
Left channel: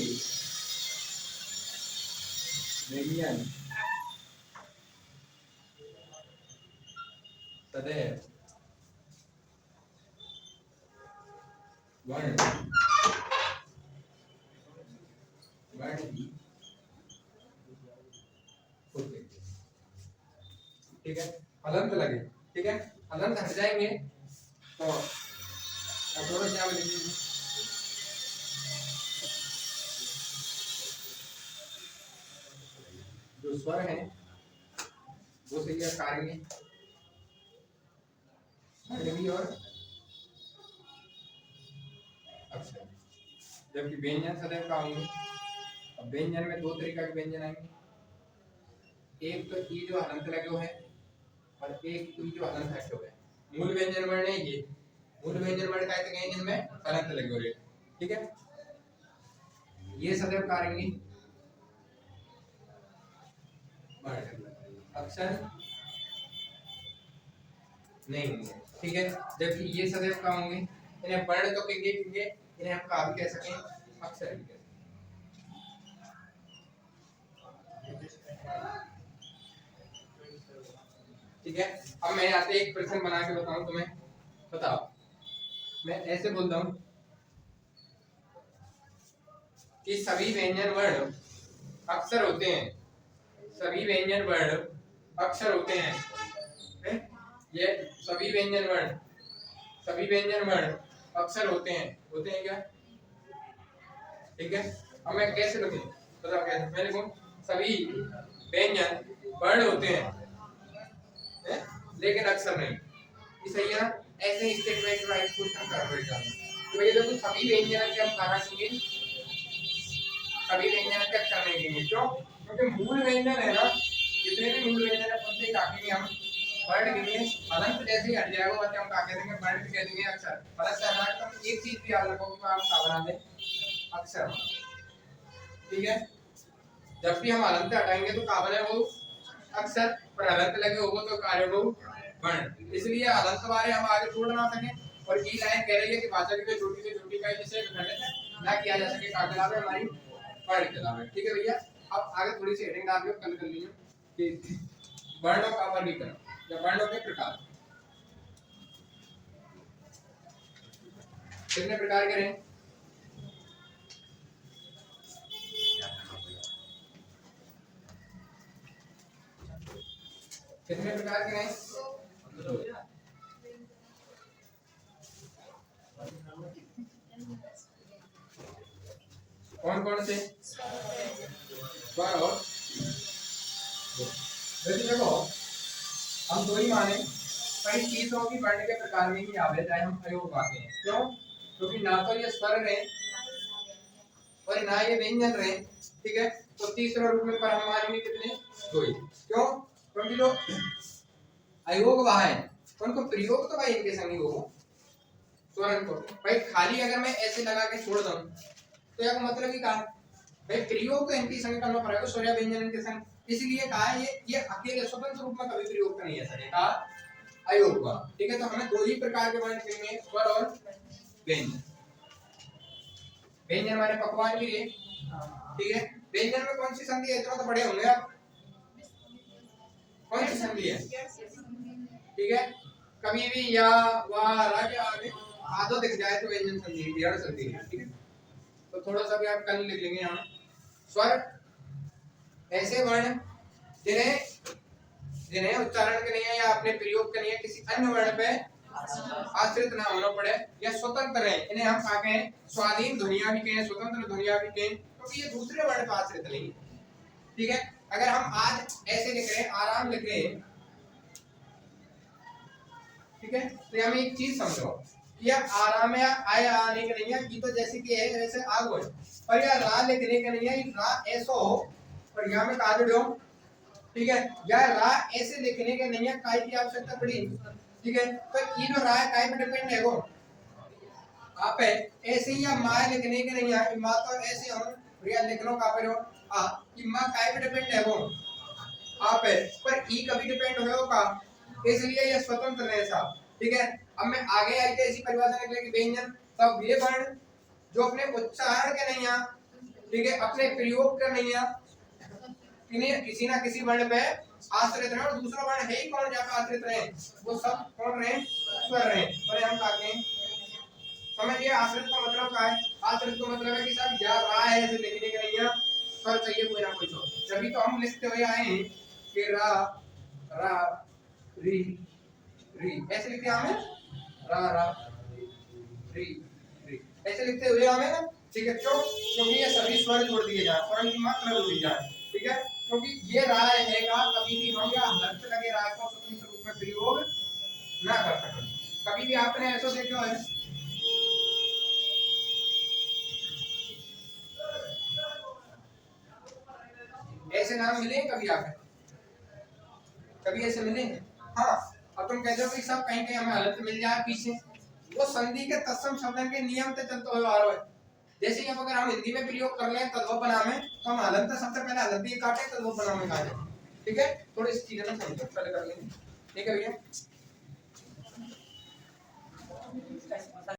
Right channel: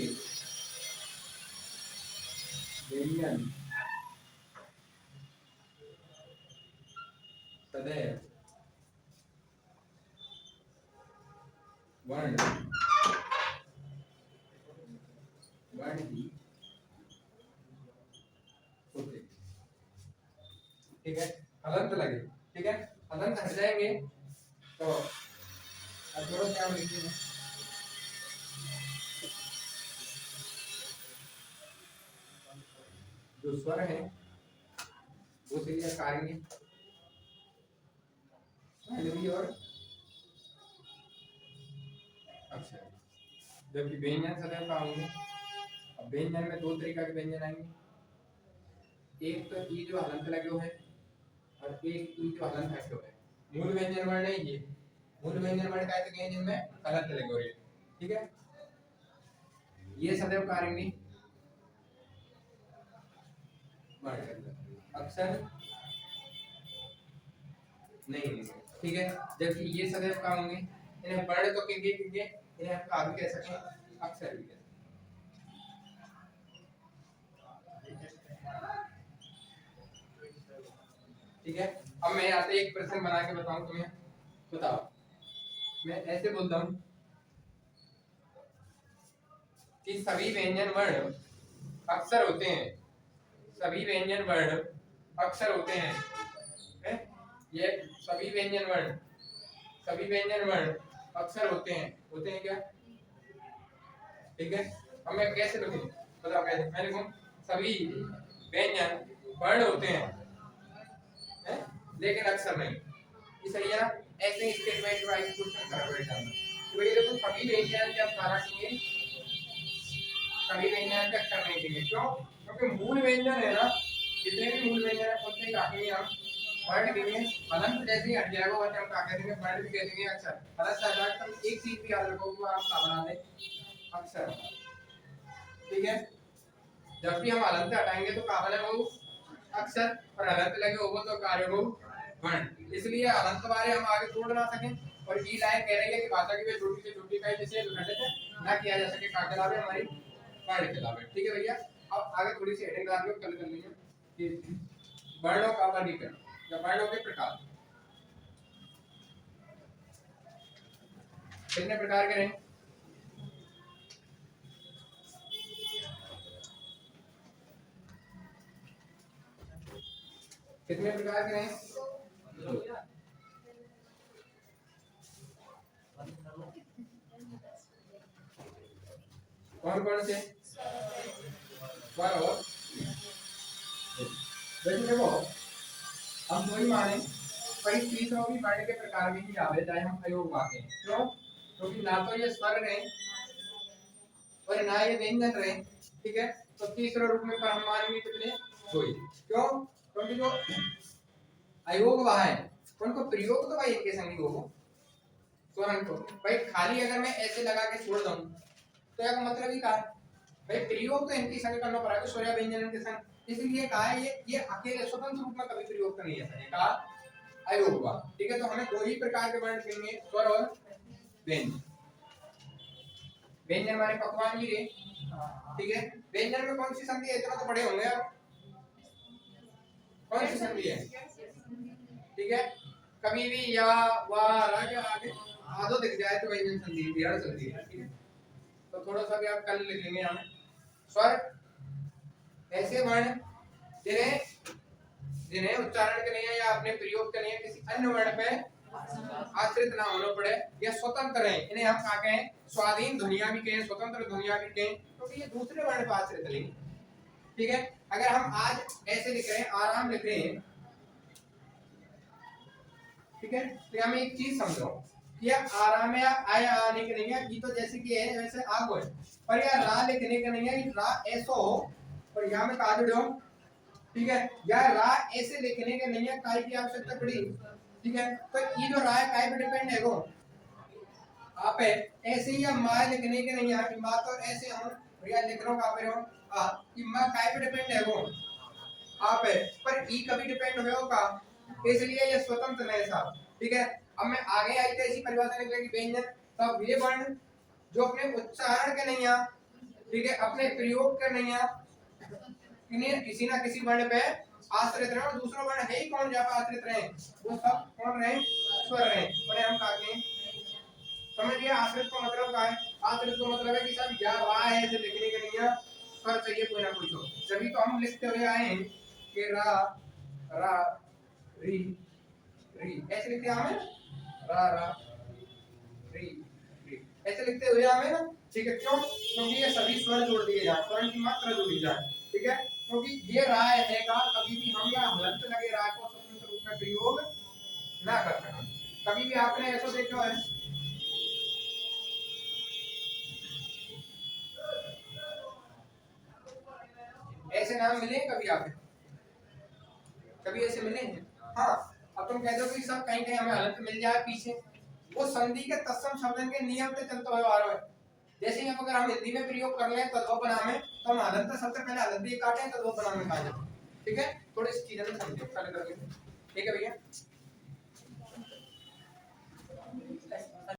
व्यंजन सदैव वर्ण ही होते। ठीक है, हलंत लगे, ठीक है, हलंत हट जाएंगे संज्ञा में लिखेंगे। जो स्वर है वो सही है कार्य और अक्षर, जबकि व्यंजन सदैव का होंगे। अब व्यंजन में दो तरीका के व्यंजन आएंगे, एक तो ई जो हलंत लगे हुए है और एक ई जो हलंत हटे हुए है। मूल व्यंजन वर्ण है ये, मूल व्यंजन वर्ण कहते हैं जिनमें हलंत लगे हुए, ठीक है। ये सदैव कार्य अक्षर नहीं होंगे, ठीक है। जबकि ये सदैव का होंगे, इन्हें वर्ण तो कहेंगे क्योंकि इन्हें हम का भी कह सकें, अक्षर भी कह सकें, ठीक है। अब मैं यहाँ पे एक प्रश्न बना के बताऊं तुम्हें, बताओ। मैं ऐसे बोलता हूं कि सभी व्यंजन वर्ण अक्षर होते हैं, सभी व्यंजन वर्ण अक्षर होते हैं, ये सभी व्यंजन वर्ण अक्षर होते हैं क्या, ठीक है। अब मैं कैसे लिखूं, बताओ कैसे मैं लिखूं, सभी व्यंजन वर्ण होते हैं लेकिन अक्षर नहीं, ये सही है ना। ऐसे स्टेटमेंट वाइज क्वेश्चन कर बैठ जाना। तो ये देखो सभी व्यंजन के हम सारा कहेंगे, सभी व्यंजन के अक्षर नहीं कहेंगे, क्यों, क्योंकि मूल व्यंजन है ना, जितने भी मूल व्यंजन है उनसे काटेंगे हम वर्ण कहेंगे, हलंत जैसे ही हट जाएगा वैसे हम क्या कह देंगे, वर्ण भी कह देंगे, अक्षर। हलंत से हटा कर एक चीज भी याद रखो कि आप क्या बना दें, अक्षर, ठीक है। जब भी हम हलंत हटाएंगे तो क्या बने वो अक्षर, और हलंत लगे होगा तो कार्य हो वर्ण। इसलिए हलंत बारे हम आगे छोड़ ना सकें, और ये लाइन कह रही है कि भाषा की छोटी से छोटी इकाई जिसे विखंडित ना किया जा सके का कहलावे हमारी वर्ण कहलावे, ठीक है भैया। अब आगे थोड़ी सी हेडिंग डाल के कल कर लेंगे कि वर्णों का वर्गीकरण या वर्णों के प्रकार, कितने प्रकार के रहे, कितने प्रकार के रहे, कौन कौन से, स्वर और वैसे देखो हम दो ही माने, पर इस चीजों की वर्ण के प्रकार में ही आवे, चाहे हम अयोग वाक्य हैं, क्यों, क्योंकि ना तो ये स्वर रहे और ना ये व्यंजन रहे, ठीक है। तो तीसरे रूप में पर हम मानेंगे कितने, दो ही, क्यों, क्योंकि जो अयोग वाह है उनको प्रयोग तो भाई इनके संग ही होगा, स्वरन को भाई खाली अगर मैं ऐसे लगा के छोड़ दूं तो यह मतलब ही कहा भाई प्रयोग तो इनके संग करना पड़ेगा, स्वर या व्यंजन इनके संग, इसलिए कहा ये अकेले स्वतंत्र रूप में कभी प्रयोग नहीं है सके, कहा अयोग वाह, ठीक है। तो हमें दो ही प्रकार के वर्ण कहेंगे, स्वर और व्यंजन। व्यंजन माने पकवान भी है, ठीक है। व्यंजन में कौन सी संधि है, इतना तो बड़े होंगे आप, कौन सी संधि है, ठीक है। कभी भी या वा रा के आगे आधो दिख जाए तो व्यंजन संधि है, संधि है, ठीक है। तो थोड़ा सा भी आप कल लिख लेंगे हम, स्वर ऐसे वर्ण जिन्हें जिन्हें उच्चारण के नहीं है या अपने प्रयोग के नहीं है किसी अन्य वर्ण पे आश्रित ना होना पड़े या स्वतंत्र है, इन्हें हम क्या कहें, स्वाधीन ध्वनियां भी कहें, स्वतंत्र ध्वनियां भी कहें, क्योंकि ये दूसरे वर्ण पे आश्रित नहीं, ठीक है। अगर हम आज ऐसे लिख रहे हैं, आराम लिख रहे हैं, ठीक है, तो हम एक चीज समझो कि आराम या आय आने के नहीं है, ये तो जैसे कि है वैसे आगो है, पर यह रा लिखने के नहीं है, ये रा ऐसो हो और यहाँ में कहा जुड़ो, ठीक है। या रा ऐसे लिखने के नहीं है, काय की आवश्यकता पड़ी, ठीक है। तो ये जो रा है काय पे डिपेंड है, वो आप है ऐसे ही या माँ लिखने के नहीं है, माँ तो ऐसे हो और या लिख लो कहाँ पे हो आ, कि माँ काय पे डिपेंड है, वो आप है, पर ई कभी डिपेंड होगा, इसलिए ये स्वतंत्र है साहब, ठीक है। अब मैं आगे आई थी इसी परिभाषा निकलेगी, व्यंजन तब वे वर्ण जो अपने उच्चारण के नहीं है, ठीक है, अपने प्रयोग के नहीं है, इन्हें किसी ना किसी वर्ण पे आश्रित रहे, और दूसरा वर्ण है ही कौन जहाँ पे आश्रित रहे, वो सब कौन रहे, स्वर रहे, और हम कहा के समझिए आश्रित का मतलब क्या है, आश्रित का मतलब है कि सब या रा है ऐसे लिखने के नहीं है, स्वर चाहिए कोई ना कोई, जब तो हम लिखते हुए आए हैं कि रा रा री री ऐसे लिखते हैं हमें, रा रा री ऐसे लिखते हुए आवे ना, ठीक है। क्यों? क्योंकि ये सभी स्वर जोड़ दिए जाए, स्वरण की मात्रा जोड़ी जाए, ठीक है। क्योंकि ये राय है का कभी भी हम या हलंत लगे राय को स्वतंत्र रूप में प्रयोग ना कर सकें। कभी भी आपने ऐसा देखा है, ऐसे नाम मिले कभी आपने, कभी ऐसे मिले? हाँ। अब तुम कहते हो कि सब कहीं कहीं हमें हलंत मिल जाए पीछे, वो संधि के तत्सम शब्दन के नियम से चलते हुए आ रहा है। जैसे ही अगर हम हिंदी में प्रयोग कर लें तद्भव बनाम में, तो हम हलंत शब्द पहले हलंत ही काटें, तद्भव बनाम में काटें, ठीक है। थोड़ी इस चीजें में समझो, चल कर लेंगे, ठीक है भैया।